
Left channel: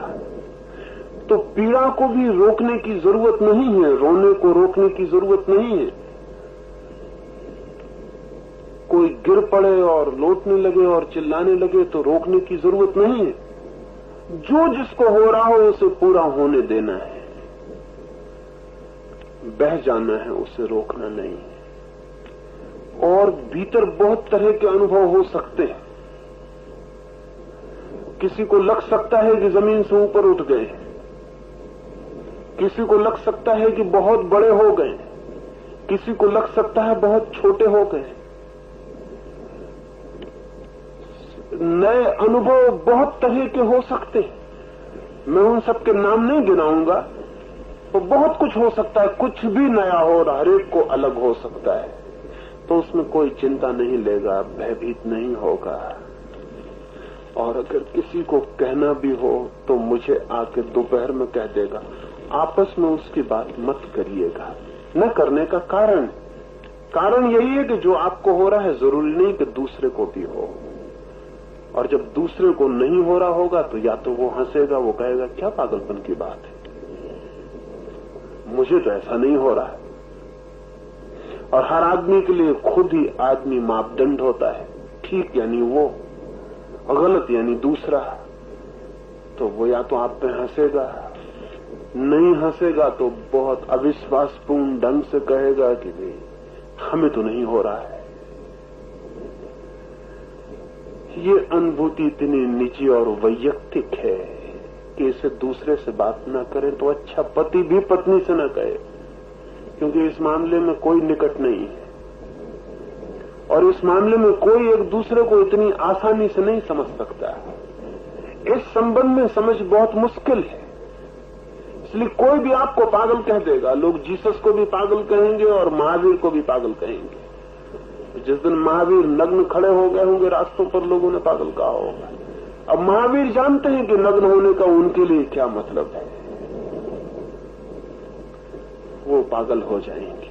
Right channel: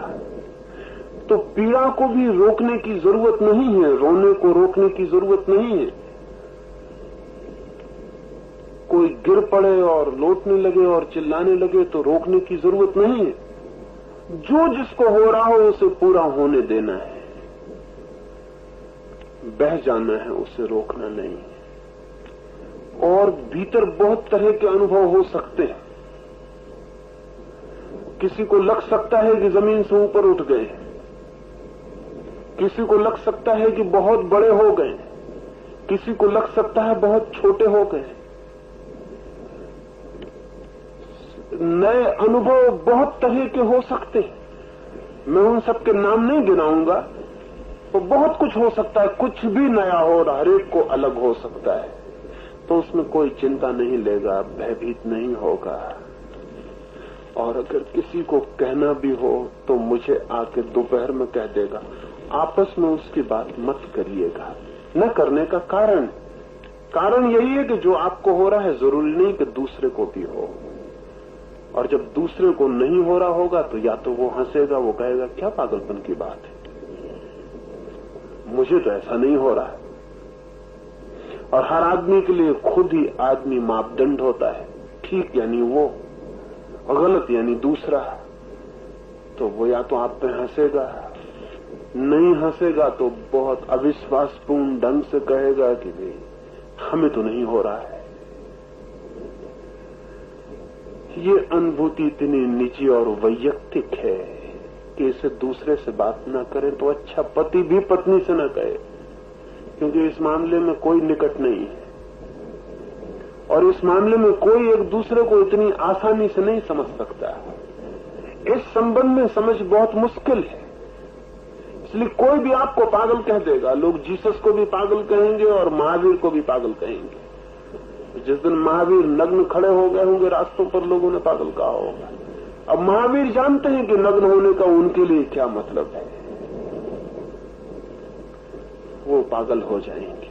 तो पीड़ा को भी रोकने की जरूरत नहीं है, रोने को रोकने की जरूरत नहीं है। कोई गिर पड़े और लौटने लगे और चिल्लाने लगे तो रोकने की जरूरत नहीं है। जो जिसको हो रहा हो उसे पूरा होने देना है, बह जाना है, उसे रोकना नहीं। और भीतर बहुत तरह के अनुभव हो सकते हैं। किसी को लग सकता है कि जमीन से ऊपर उठ गए, किसी को लग सकता है कि बहुत बड़े हो गए, किसी को लग सकता है बहुत छोटे हो गए। नए अनुभव बहुत तरह के हो सकते हैं। मैं उन सबके नाम नहीं गिनाऊंगा, तो बहुत कुछ हो सकता है, कुछ भी नया हो रहा, हर एक को अलग हो सकता है। तो उसमें कोई चिंता नहीं लेगा, भयभीत नहीं होगा। और अगर किसी को कहना भी हो तो मुझे आके दोपहर में कह देगा, आपस में उसकी बात मत करिएगा। न करने का कारण यही है कि जो आपको हो रहा है जरूरी नहीं कि दूसरे को भी हो। और जब दूसरे को नहीं हो रहा होगा तो या तो वो हंसेगा, वो कहेगा क्या पागलपन की बात है, मुझे तो ऐसा नहीं हो रहा है। और हर आदमी के लिए खुद ही आदमी मापदंड होता है। ठीक यानी वो, और गलत यानी दूसरा। तो वो या तो आप पे हंसेगा, नहीं हंसेगा तो बहुत अविश्वासपूर्ण ढंग से कहेगा कि नहीं, हमें तो नहीं हो रहा है। ये अनुभूति इतनी निजी और वैयक्तिक है कि इसे दूसरे से बात न करें तो अच्छा। पति भी पत्नी से न कहे, क्योंकि इस मामले में कोई निकट नहीं है और इस मामले में कोई एक दूसरे को इतनी आसानी से नहीं समझ सकता। इस संबंध में समझ बहुत मुश्किल है, इसलिए कोई भी आपको पागल कह देगा। लोग जीसस को भी पागल कहेंगे और महावीर को भी पागल कहेंगे। जिस दिन महावीर नग्न खड़े हो गए होंगे रास्तों पर, लोगों ने पागल कहा होगा। अब महावीर जानते हैं कि नग्न होने का उनके लिए क्या मतलब है, वो पागल हो जाएंगे।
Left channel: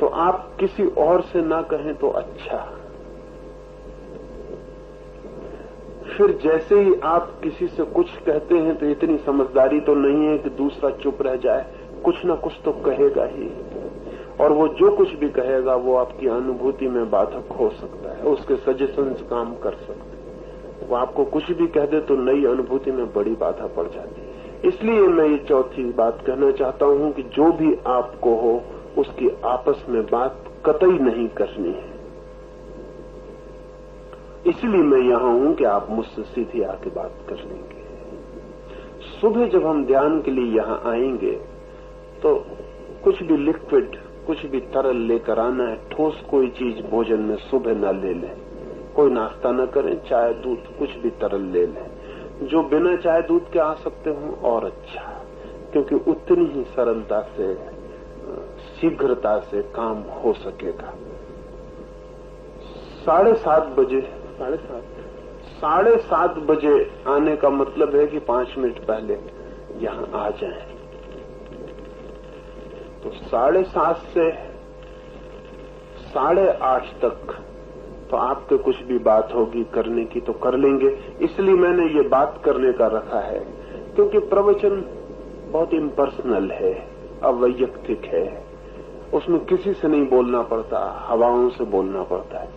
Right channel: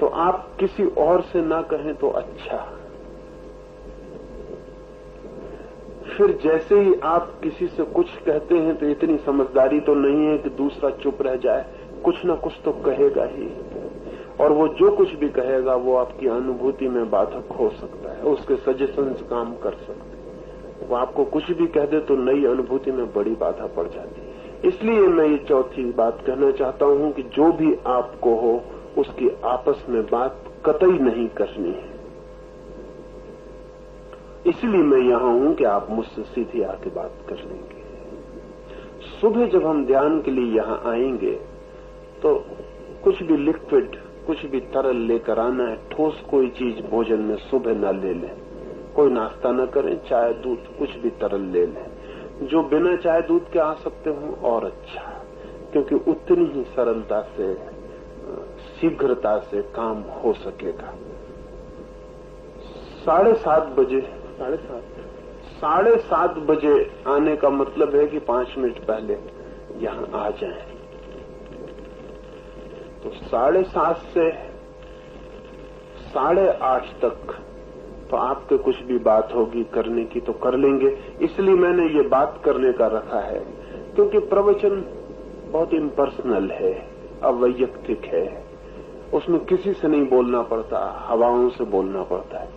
तो आप किसी और से ना कहें तो अच्छा। फिर जैसे ही आप किसी से कुछ कहते हैं तो इतनी समझदारी तो नहीं है कि दूसरा चुप रह जाए, कुछ न कुछ तो कहेगा ही। और वो जो कुछ भी कहेगा वो आपकी अनुभूति में बाधक हो सकता है, उसके सजेशंस काम कर सकते हैं। वो आपको कुछ भी कह दे तो नई अनुभूति में बड़ी बाधा पड़ जाती है। इसलिए मैं ये चौथी बात कहना चाहता हूं कि जो भी आपको हो उसकी आपस में बात कतई नहीं करनी है। इसलिए मैं यहां हूं कि आप मुझसे सीधी आके बात कर लेंगे। सुबह जब हम ध्यान के लिए यहां आएंगे तो कुछ भी लिक्विड, कुछ भी तरल लेकर आना है। ठोस कोई चीज भोजन में सुबह न ले लें, कोई नाश्ता न करें, चाय दूध कुछ भी तरल ले लें। जो बिना चाय दूध के आ सकते हो और अच्छा, क्योंकि उतनी ही सरलता से, शीघ्रता से काम हो सकेगा। 7:30 बजे आने का मतलब है कि 5 मिनट पहले यहां आ जाएं। तो 7:30 से 8:30 तक तो आपके कुछ भी बात होगी करने की तो कर लेंगे। इसलिए मैंने ये बात करने का रखा है क्योंकि प्रवचन बहुत इम्पर्सनल है, अवैयक्तिक है। उसमें किसी से नहीं बोलना पड़ता, हवाओं से बोलना पड़ता है।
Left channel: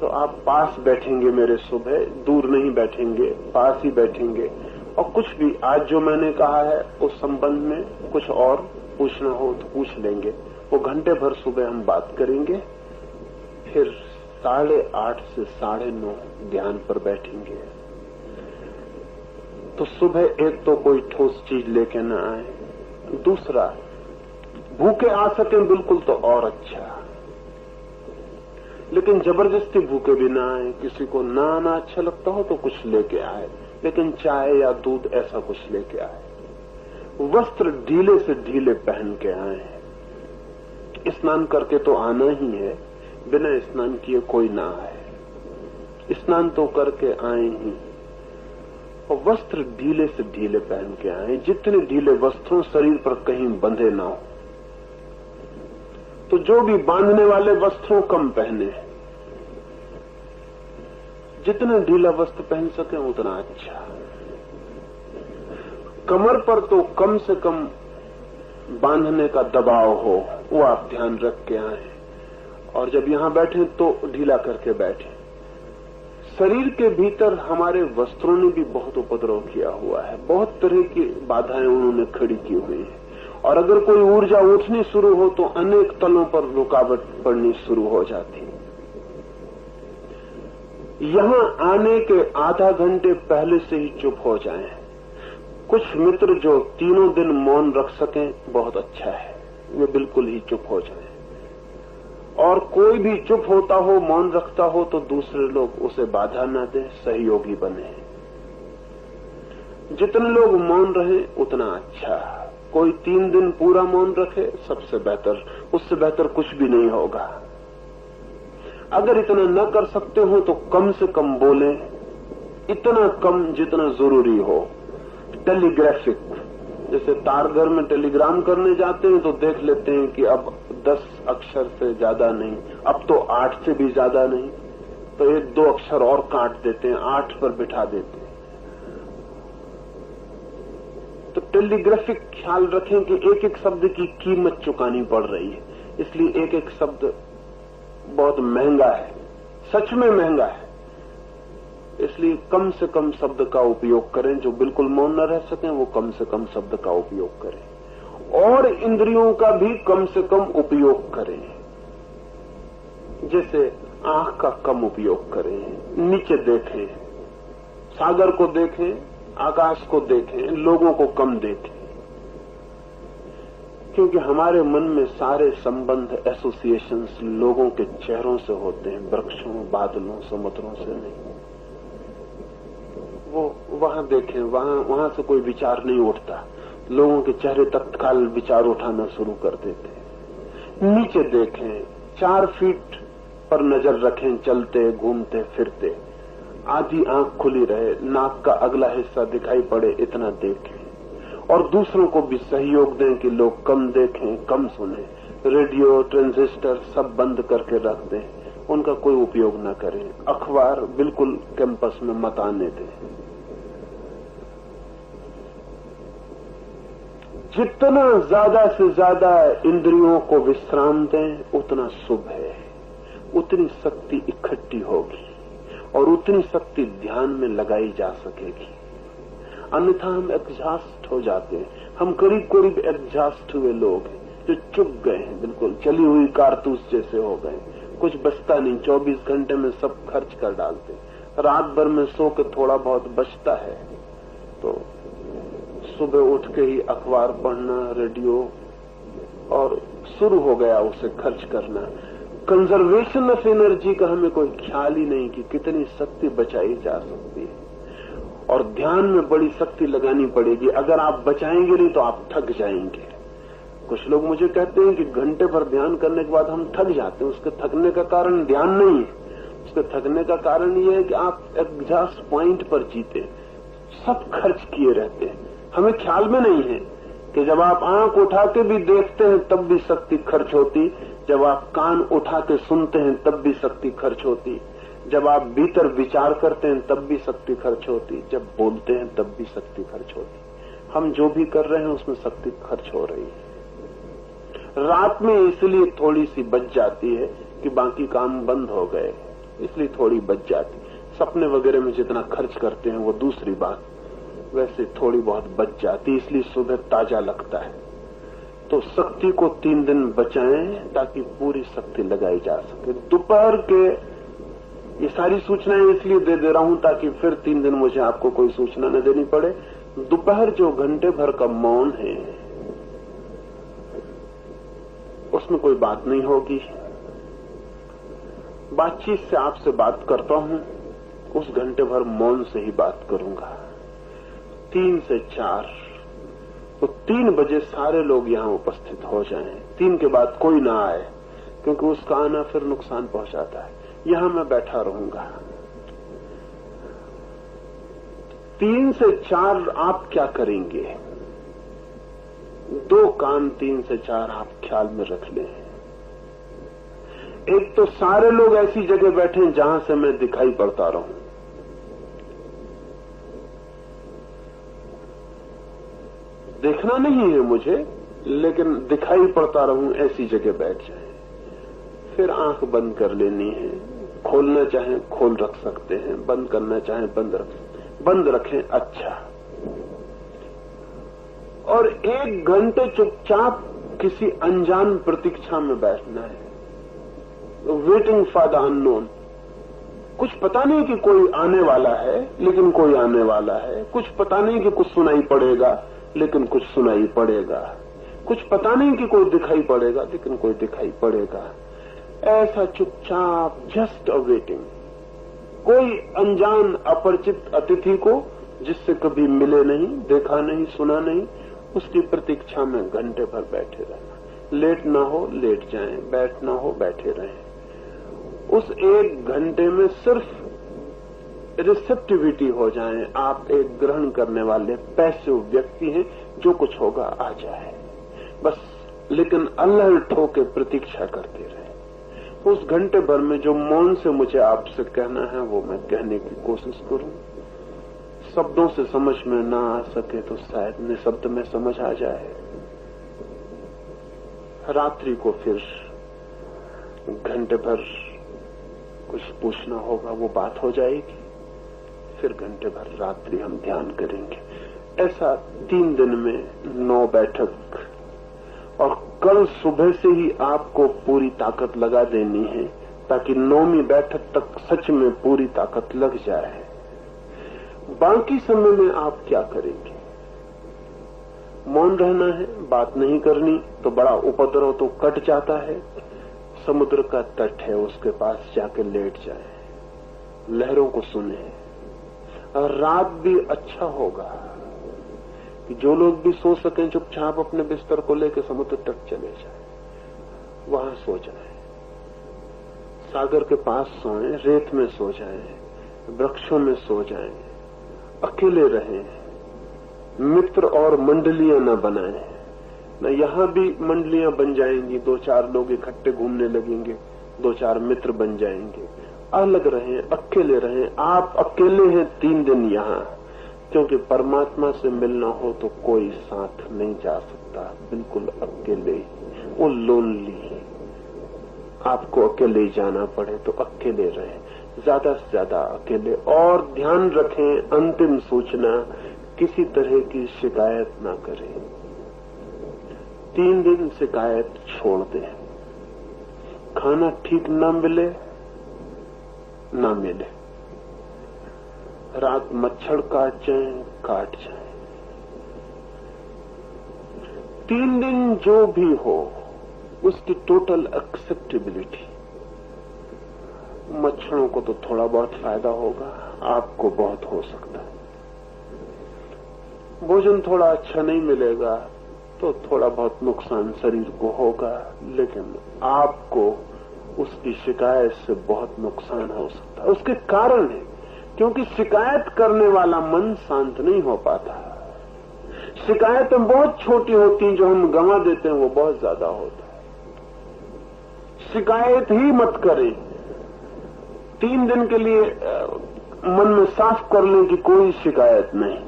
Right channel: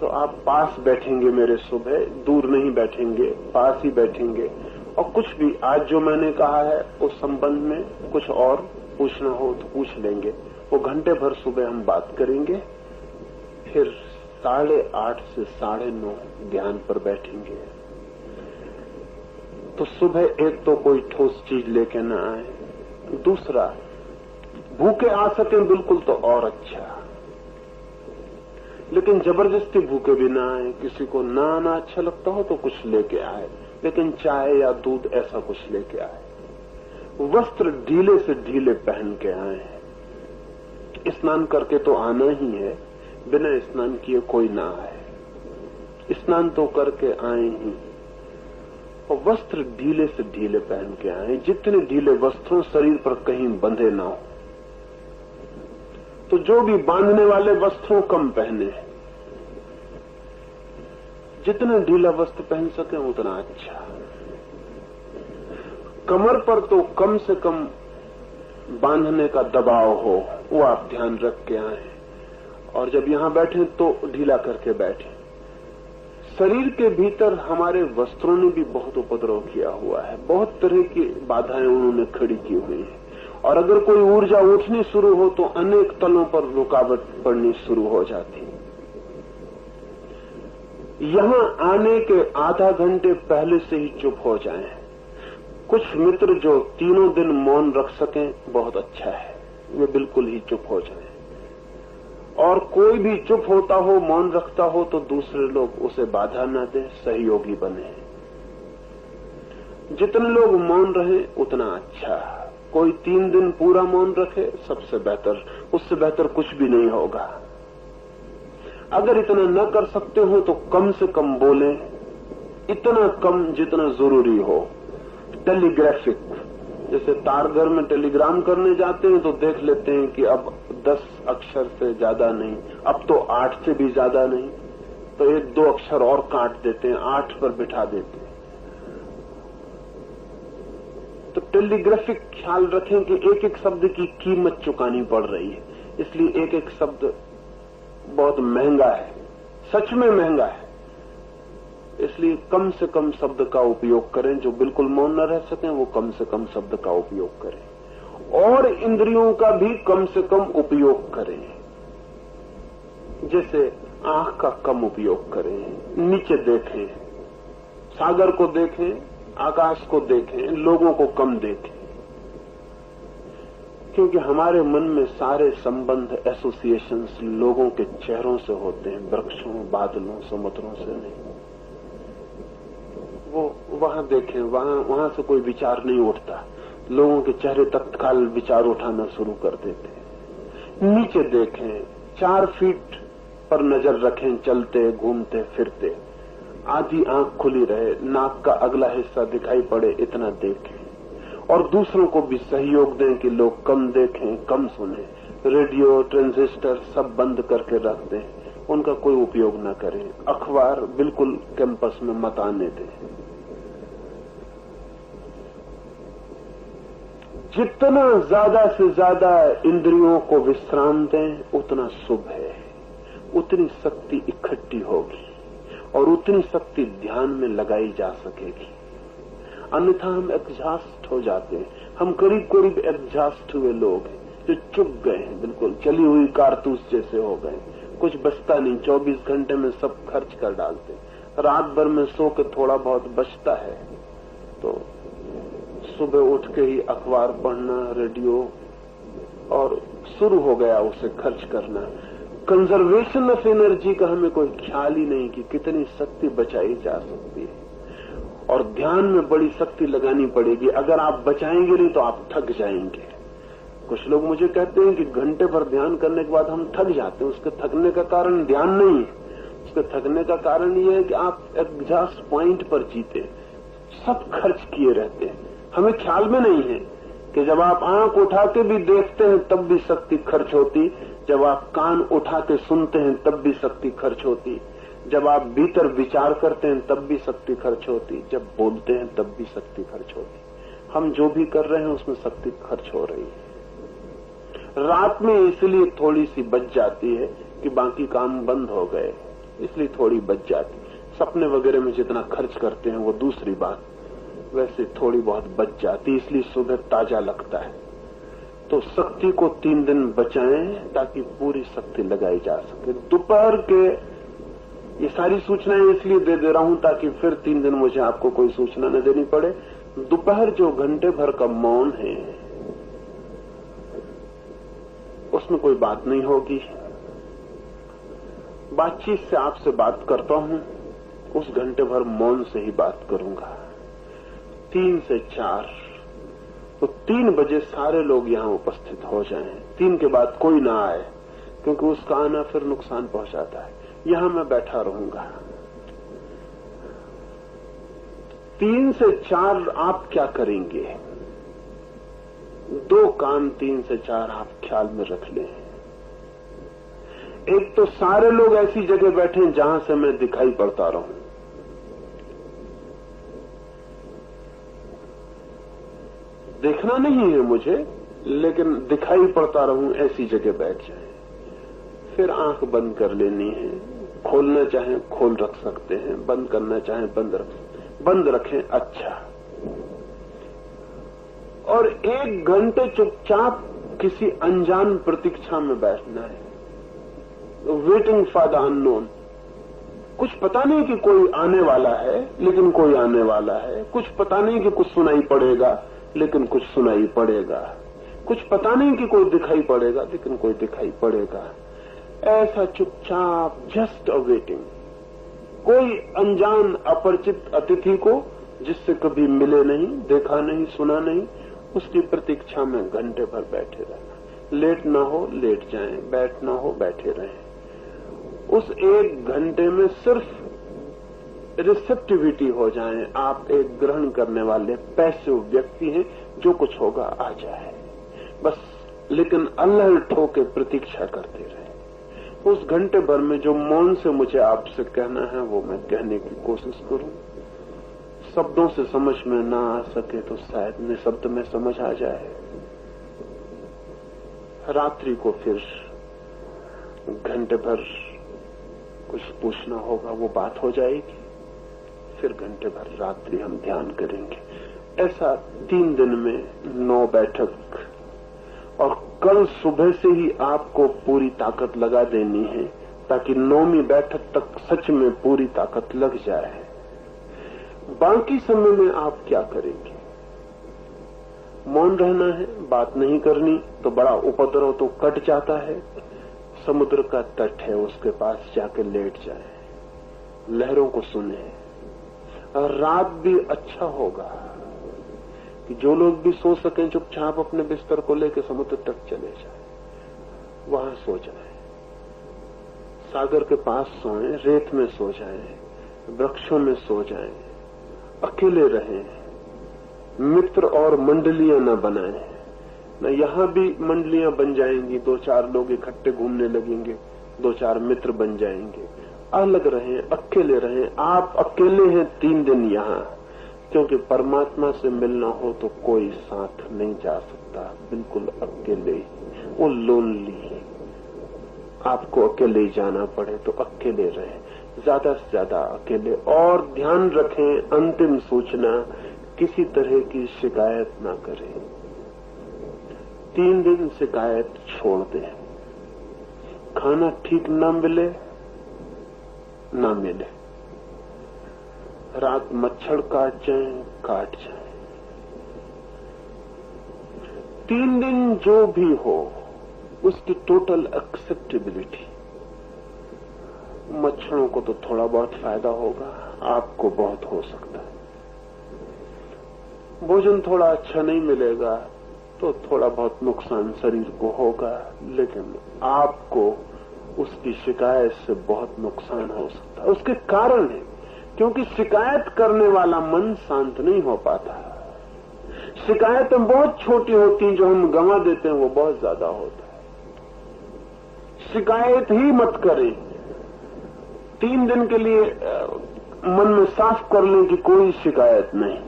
तो आप पास बैठेंगे मेरे, सुबह दूर नहीं बैठेंगे, पास ही बैठेंगे। और कुछ भी आज जो मैंने कहा है उस संबंध में कुछ और पूछना हो तो पूछ लेंगे। वो घंटे भर सुबह हम बात करेंगे, फिर 8:30 से 9:30 ध्यान पर बैठेंगे। तो सुबह एक तो कोई ठोस चीज लेके न आए, दूसरा भूखे आ सके बिल्कुल तो और अच्छा, लेकिन जबरदस्ती भूखे भी ना आए। किसी को ना आना अच्छा लगता हो तो कुछ लेके आए, लेकिन चाय या दूध ऐसा कुछ लेके आए। वस्त्र ढीले से ढीले पहन के आए। स्नान करके तो आना ही है, बिना स्नान किए कोई ना आए। स्नान तो करके आए ही। और वस्त्र ढीले से ढीले पहन के आए। जितने ढीले वस्त्रों शरीर पर कहीं बंधे ना हो। तो जो भी बांधने वाले वस्त्रों कम पहने, जितना ढीला वस्त्र पहन सके उतना अच्छा। कमर पर तो कम से कम बांधने का दबाव हो, वो आप ध्यान रख के आए। और जब यहां बैठे तो ढीला करके बैठे। शरीर के भीतर हमारे वस्त्रों ने भी बहुत उपद्रव किया हुआ है, बहुत तरह की बाधाएं उन्होंने खड़ी की हुई है। और अगर कोई ऊर्जा उठनी शुरू हो तो अनेक तलों पर रुकावट पड़नी शुरू हो जाती। यहां आने के आधा घंटे पहले से ही चुप हो जाएं। कुछ मित्र जो 3 दिन मौन रख सकें बहुत अच्छा है, वे बिल्कुल ही चुप हो जाएं। और कोई भी चुप होता हो, मौन रखता हो तो दूसरे लोग उसे बाधा न दें, सहयोगी बने। जितने लोग मौन रहे उतना अच्छा। कोई 3 दिन पूरा मौन रखे सबसे बेहतर, उससे बेहतर कुछ भी नहीं होगा। अगर इतना न कर सकते हो तो कम से कम बोले, इतना कम जितना जरूरी हो। टेलीग्राफिक, जैसे तारघर में टेलीग्राम करने जाते हैं तो देख लेते हैं कि अब 10 अक्षर से ज्यादा नहीं, अब तो 8 से भी ज्यादा नहीं, तो 1-2 अक्षर और काट देते हैं, 8 पर बिठा देते हैं। तो टेलीग्राफिक ख्याल रखें कि एक एक शब्द की कीमत चुकानी पड़ रही है। इसलिए एक एक शब्द बहुत महंगा है, सच में महंगा है। इसलिए कम से कम शब्द का उपयोग करें। जो बिल्कुल मौन न रह सकें वो कम से कम शब्द का उपयोग करें, और इंद्रियों का भी कम से कम उपयोग करें। जैसे आंख का कम उपयोग करें, नीचे देखें, सागर को देखें, आकाश को देखें, लोगों को कम देखें, क्योंकि हमारे मन में सारे संबंध, एसोसिएशंस लोगों के चेहरों से होते हैं, वृक्षों, बादलों, समुद्रों से नहीं। वो वहां देखें, वहां से कोई विचार नहीं उठता। लोगों के चेहरे तत्काल विचार उठाना शुरू कर देते हैं। नीचे देखें, 4 फीट पर नजर रखें, चलते, घूमते, फिरते, आधी आंख खुली रहे, नाक का अगला हिस्सा दिखाई पड़े, इतना देखें। और दूसरों को भी सहयोग दें कि लोग कम देखें, कम सुने। रेडियो, ट्रांजिस्टर सब बंद करके रख दें, उनका कोई उपयोग न करें। अखबार बिल्कुल कैंपस में मत आने दें। जितना ज्यादा से ज्यादा इंद्रियों को विश्राम दें उतना शुभ है, उतनी शक्ति इकट्ठी होगी और उतनी शक्ति ध्यान में लगाई जा सकेगी। अन्यथा हम एग्जॉस्ट हो जाते हैं। हम करीब करीब एग्जॉस्ट हुए लोग हैं जो चुप गए हैं, बिल्कुल चली हुई कारतूस जैसे हो गए। कुछ बचता नहीं, 24 घंटे में सब खर्च कर डालते। रात भर में सो के थोड़ा बहुत बचता है तो सुबह उठ के ही अखबार पढ़ना, रेडियो, और शुरू हो गया उसे खर्च करना। कंजर्वेशन ऑफ एनर्जी का हमें कोई ख्याल ही नहीं कि कितनी शक्ति बचाई जा सकती है। और ध्यान में बड़ी शक्ति लगानी पड़ेगी। अगर आप बचाएंगे नहीं तो आप थक जाएंगे। कुछ लोग मुझे कहते हैं कि घंटे भर ध्यान करने के बाद हम थक जाते हैं। उसके थकने का कारण ध्यान नहीं है, उसके थकने का कारण यह है कि आप एग्जॉस्ट पॉइंट पर जीते, सब खर्च किए रहते हैं। हमें ख्याल में नहीं है कि जब आप आंख उठा के भी देखते हैं तब भी शक्ति खर्च होती, जब आप कान उठा के सुनते हैं तब भी शक्ति खर्च होती, जब आप भीतर विचार करते हैं तब भी शक्ति खर्च होती, जब बोलते हैं तब भी शक्ति खर्च होती। हम जो भी कर रहे हैं उसमें शक्ति खर्च हो रही है। रात में इसलिए थोड़ी सी बच जाती है कि बाकी काम बंद हो गए, इसलिए थोड़ी बच जाती। सपने वगैरह में जितना खर्च करते हैं वो दूसरी बात, वैसे थोड़ी बहुत बच जाती, इसलिए सुबह ताजा लगता है। तो शक्ति को 3 दिन बचाएं ताकि पूरी शक्ति लगाई जा सके। दोपहर के ये सारी सूचनाएं इसलिए दे रहा हूं ताकि फिर 3 दिन मुझे आपको कोई सूचना न देनी पड़े। दोपहर जो घंटे भर का मौन है उसमें कोई बात नहीं होगी। बातचीत से आपसे बात करता हूं, उस घंटे भर मौन से ही बात करूंगा। 3 से 4 तो 3 बजे सारे लोग यहां उपस्थित हो जाएं। 3 के बाद कोई ना आए क्योंकि उसका आना फिर नुकसान पहुंचाता है। यहां मैं बैठा रहूंगा। 3 से 4 आप क्या करेंगे? 2 काम 3 से 4 आप ख्याल में रख लें। एक तो सारे लोग ऐसी जगह बैठे जहां से मैं दिखाई पड़ता रहूं। देखना नहीं है मुझे, लेकिन दिखाई पड़ता रहूं, ऐसी जगह बैठ जाए। फिर आंख बंद कर लेनी है। खोलना चाहें खोल रख सकते हैं, बंद करना चाहें बंद रखें। अच्छा, और 1 घंटे चुपचाप किसी अनजान प्रतीक्षा में बैठना है, वेटिंग फॉर द अननोन। कुछ पता नहीं कि कोई आने वाला है, लेकिन कोई आने वाला है। कुछ पता नहीं कि कुछ सुनाई पड़ेगा, लेकिन कुछ सुनाई पड़ेगा। कुछ पता नहीं कि कोई दिखाई पड़ेगा, लेकिन कोई दिखाई पड़ेगा। ऐसा चुपचाप, जस्ट अ वेटिंग। कोई अनजान अपरिचित अतिथि को जिससे कभी मिले नहीं, देखा नहीं, सुना नहीं, उसकी प्रतीक्षा में घंटे भर बैठे रहना। लेट ना हो लेट जाएं, बैठ ना हो बैठे रहें। उस 1 घंटे में सिर्फ रिसेप्टिविटी हो जाए। आप एक ग्रहण करने वाले पैसिव व्यक्ति हैं, जो कुछ होगा आ जाए बस, लेकिन अलर्ट होकर प्रतीक्षा करते रहे। उस घंटे भर में जो मौन से मुझे आपसे कहना है वो मैं कहने की कोशिश करूं। शब्दों से समझ में ना आ सके तो शायद निःशब्द में समझ आ जाए। रात्रि को फिर घंटे भर कुछ पूछना होगा, वो बात हो जाएगी। फिर घंटे भर रात्रि हम ध्यान करेंगे। ऐसा 3 दिन में 9 बैठक, और कल सुबह से ही आपको पूरी ताकत लगा देनी है ताकि 9वीं बैठक तक सच में पूरी ताकत लग जाए। बाकी समय में आप क्या करेंगे? मौन रहना है, बात नहीं करनी तो बड़ा उपद्रव तो कट जाता है। समुद्र का तट है, उसके पास जाके लेट जाए, लहरों को सुने। और रात भी अच्छा होगा कि जो लोग भी सो सकें चुपचाप अपने बिस्तर को लेकर समुद्र तक चले जाए, वहां सो जाए, सागर के पास सोएं, रेत में सो जाएं, वृक्षों में सो जाएं, अकेले रहें, मित्र और मंडलियां न बनाएं। न यहां भी मंडलियां बन जाएंगी, 2-4 लोग इकट्ठे घूमने लगेंगे, 2-4 मित्र बन जाएंगे। अलग रहें, अकेले रहें। आप अकेले हैं 3 दिन यहां, क्योंकि परमात्मा से मिलना हो तो कोई साथ नहीं जा सकता, बिल्कुल अकेले ही। वो लोनली, आपको अकेले ही जाना पड़े तो अकेले रहें, ज्यादा से ज्यादा अकेले। और ध्यान रखें, अंतिम सूचना, किसी तरह की शिकायत ना करें। 3 दिन शिकायत छोड़ दें। खाना ठीक न मिले, ना मिले, रात मच्छर काट जाए। 3 दिन जो भी हो, उसकी टोटल एक्सेप्टेबिलिटी। मच्छरों को तो थोड़ा बहुत फायदा होगा, आपको बहुत हो सकता है। भोजन थोड़ा अच्छा नहीं मिलेगा तो थोड़ा बहुत नुकसान शरीर को होगा, लेकिन आपको उसकी शिकायत से बहुत नुकसान हो सकता है। उसके कारण है, क्योंकि शिकायत करने वाला मन शांत नहीं हो पाता। शिकायतें बहुत छोटी होती हैं, जो हम गंवा देते हैं वो बहुत ज्यादा होता है। शिकायत ही मत करें। 3 दिन के लिए मन में साफ कर लें कि कोई शिकायत नहीं,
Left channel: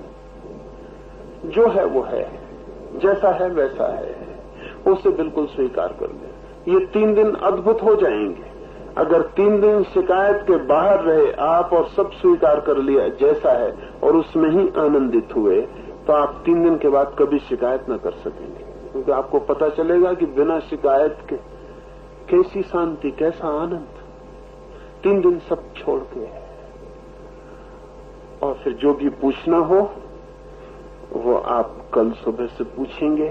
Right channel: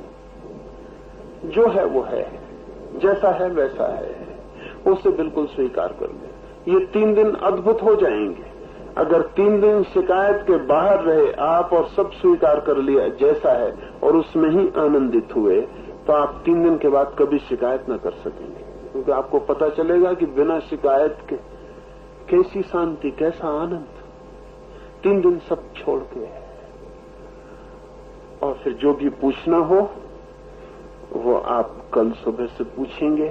जो है वो है, जैसा है वैसा है, उसे बिल्कुल स्वीकार कर लें। ये 3 दिन अद्भुत हो जाएंगे। अगर 3 दिन शिकायत के बाहर रहे आप और सब स्वीकार कर लिया जैसा है और उसमें ही आनंदित हुए, तो आप 3 दिन के बाद कभी शिकायत न कर सकेंगे, क्योंकि आपको पता चलेगा कि बिना शिकायत के कैसी शांति, कैसा आनंद। 3 दिन सब छोड़ के, और फिर जो भी पूछना हो वो आप कल सुबह से पूछेंगे।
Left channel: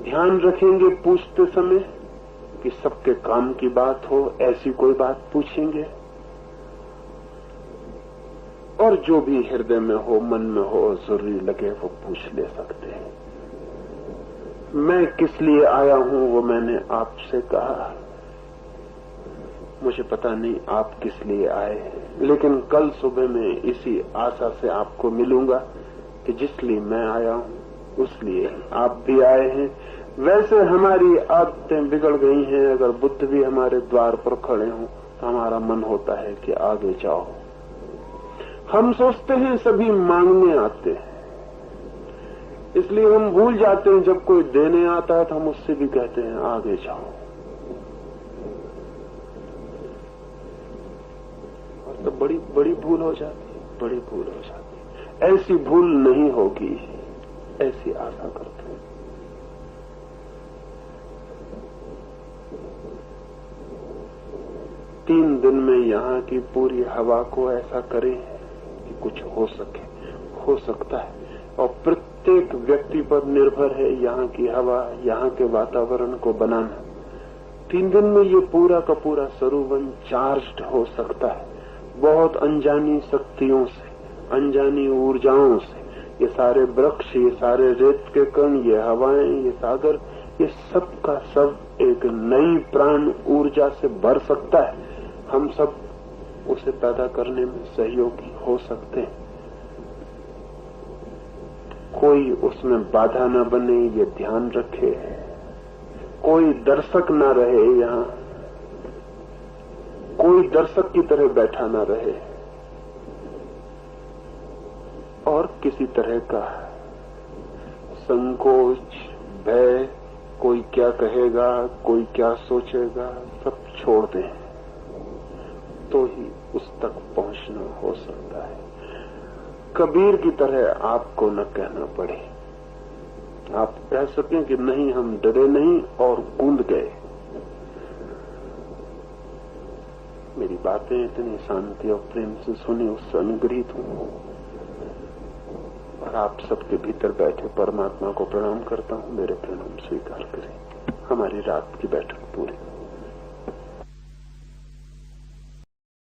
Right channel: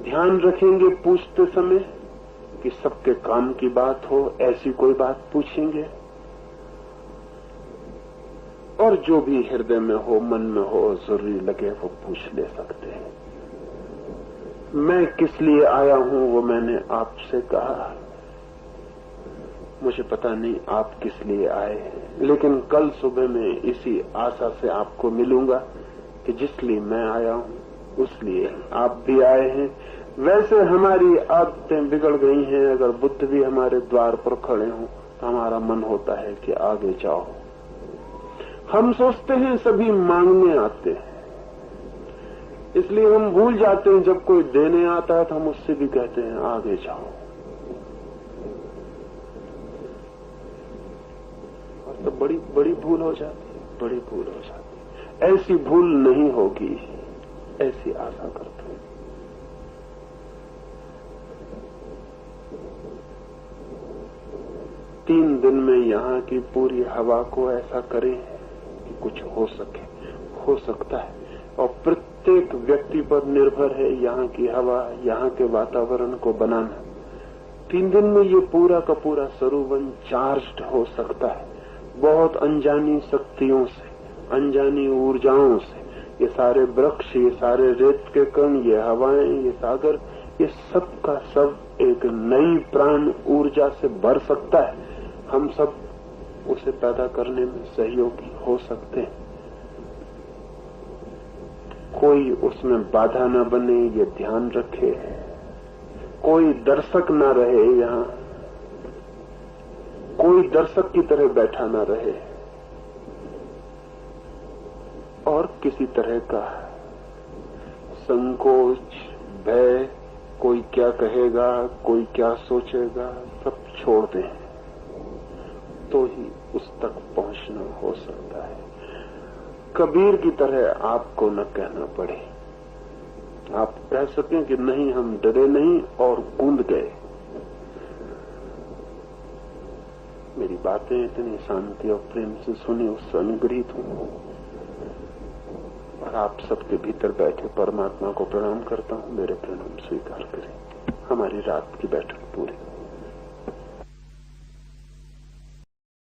ध्यान रखेंगे पूछते समय कि सबके काम की बात हो, ऐसी कोई बात पूछेंगे। और जो भी हृदय में हो, मन में हो, जरूरी लगे वो पूछ ले सकते हैं। मैं किस लिए आया हूं वो मैंने आपसे कहा। मुझे पता नहीं आप किस लिए आए, लेकिन कल सुबह में इसी आशा से आपको मिलूंगा कि जिस लिए मैं आया हूं उस लिए आप भी आए हैं। वैसे हमारी आदतें बिगड़ गई हैं। अगर बुद्ध भी हमारे द्वार पर खड़े हों, हमारा मन होता है कि आगे जाओ। हम सोचते हैं सभी मांगने आते हैं, इसलिए हम भूल जाते हैं जब कोई देने आता है तो हम उससे भी कहते हैं आगे जाओ। और तो बड़ी भूल हो जाती, बड़ी भूल हो जाती। ऐसी भूल नहीं होगी, ऐसी आशा करते हैं। तीन दिन में यहाँ की पूरी हवा को ऐसा करें कि कुछ हो सके, हो सकता है। और प्रत्येक व्यक्ति पर निर्भर है यहाँ की हवा, यहाँ के वातावरण को बनाना। 3 दिन में ये पूरा का पूरा सरोवर चार्ज्ड हो सकता है, बहुत अनजानी शक्तियों से, अनजानी ऊर्जाओं से। ये सारे वृक्ष, ये सारे रेत के कण, ये हवाएं, ये सागर, ये सब का सब एक नई प्राण ऊर्जा से भर सकता है। हम सब उसे पैदा करने में सहयोगी हो सकते हैं। कोई उसमें बाधा न बने, ये ध्यान रखे। कोई दर्शक न रहे यहाँ, कोई दर्शक की तरह बैठा न रहे, और किसी तरह का संकोच, भय, कोई क्या कहेगा, कोई क्या सोचेगा, सब छोड़ दें तो ही उस तक पहुंचना हो सकता है। कबीर की तरह आपको न कहना पड़े, आप कह सकें कि नहीं हम डरे नहीं और कूद गए। मेरी बातें इतनी शांति और प्रेम से सुनी, उससे अनुग्रहित हूं और आप सबके भीतर बैठे परमात्मा को प्रणाम करता हूं। मेरे प्रणाम स्वीकार करें। हमारी रात की बैठक पूरी।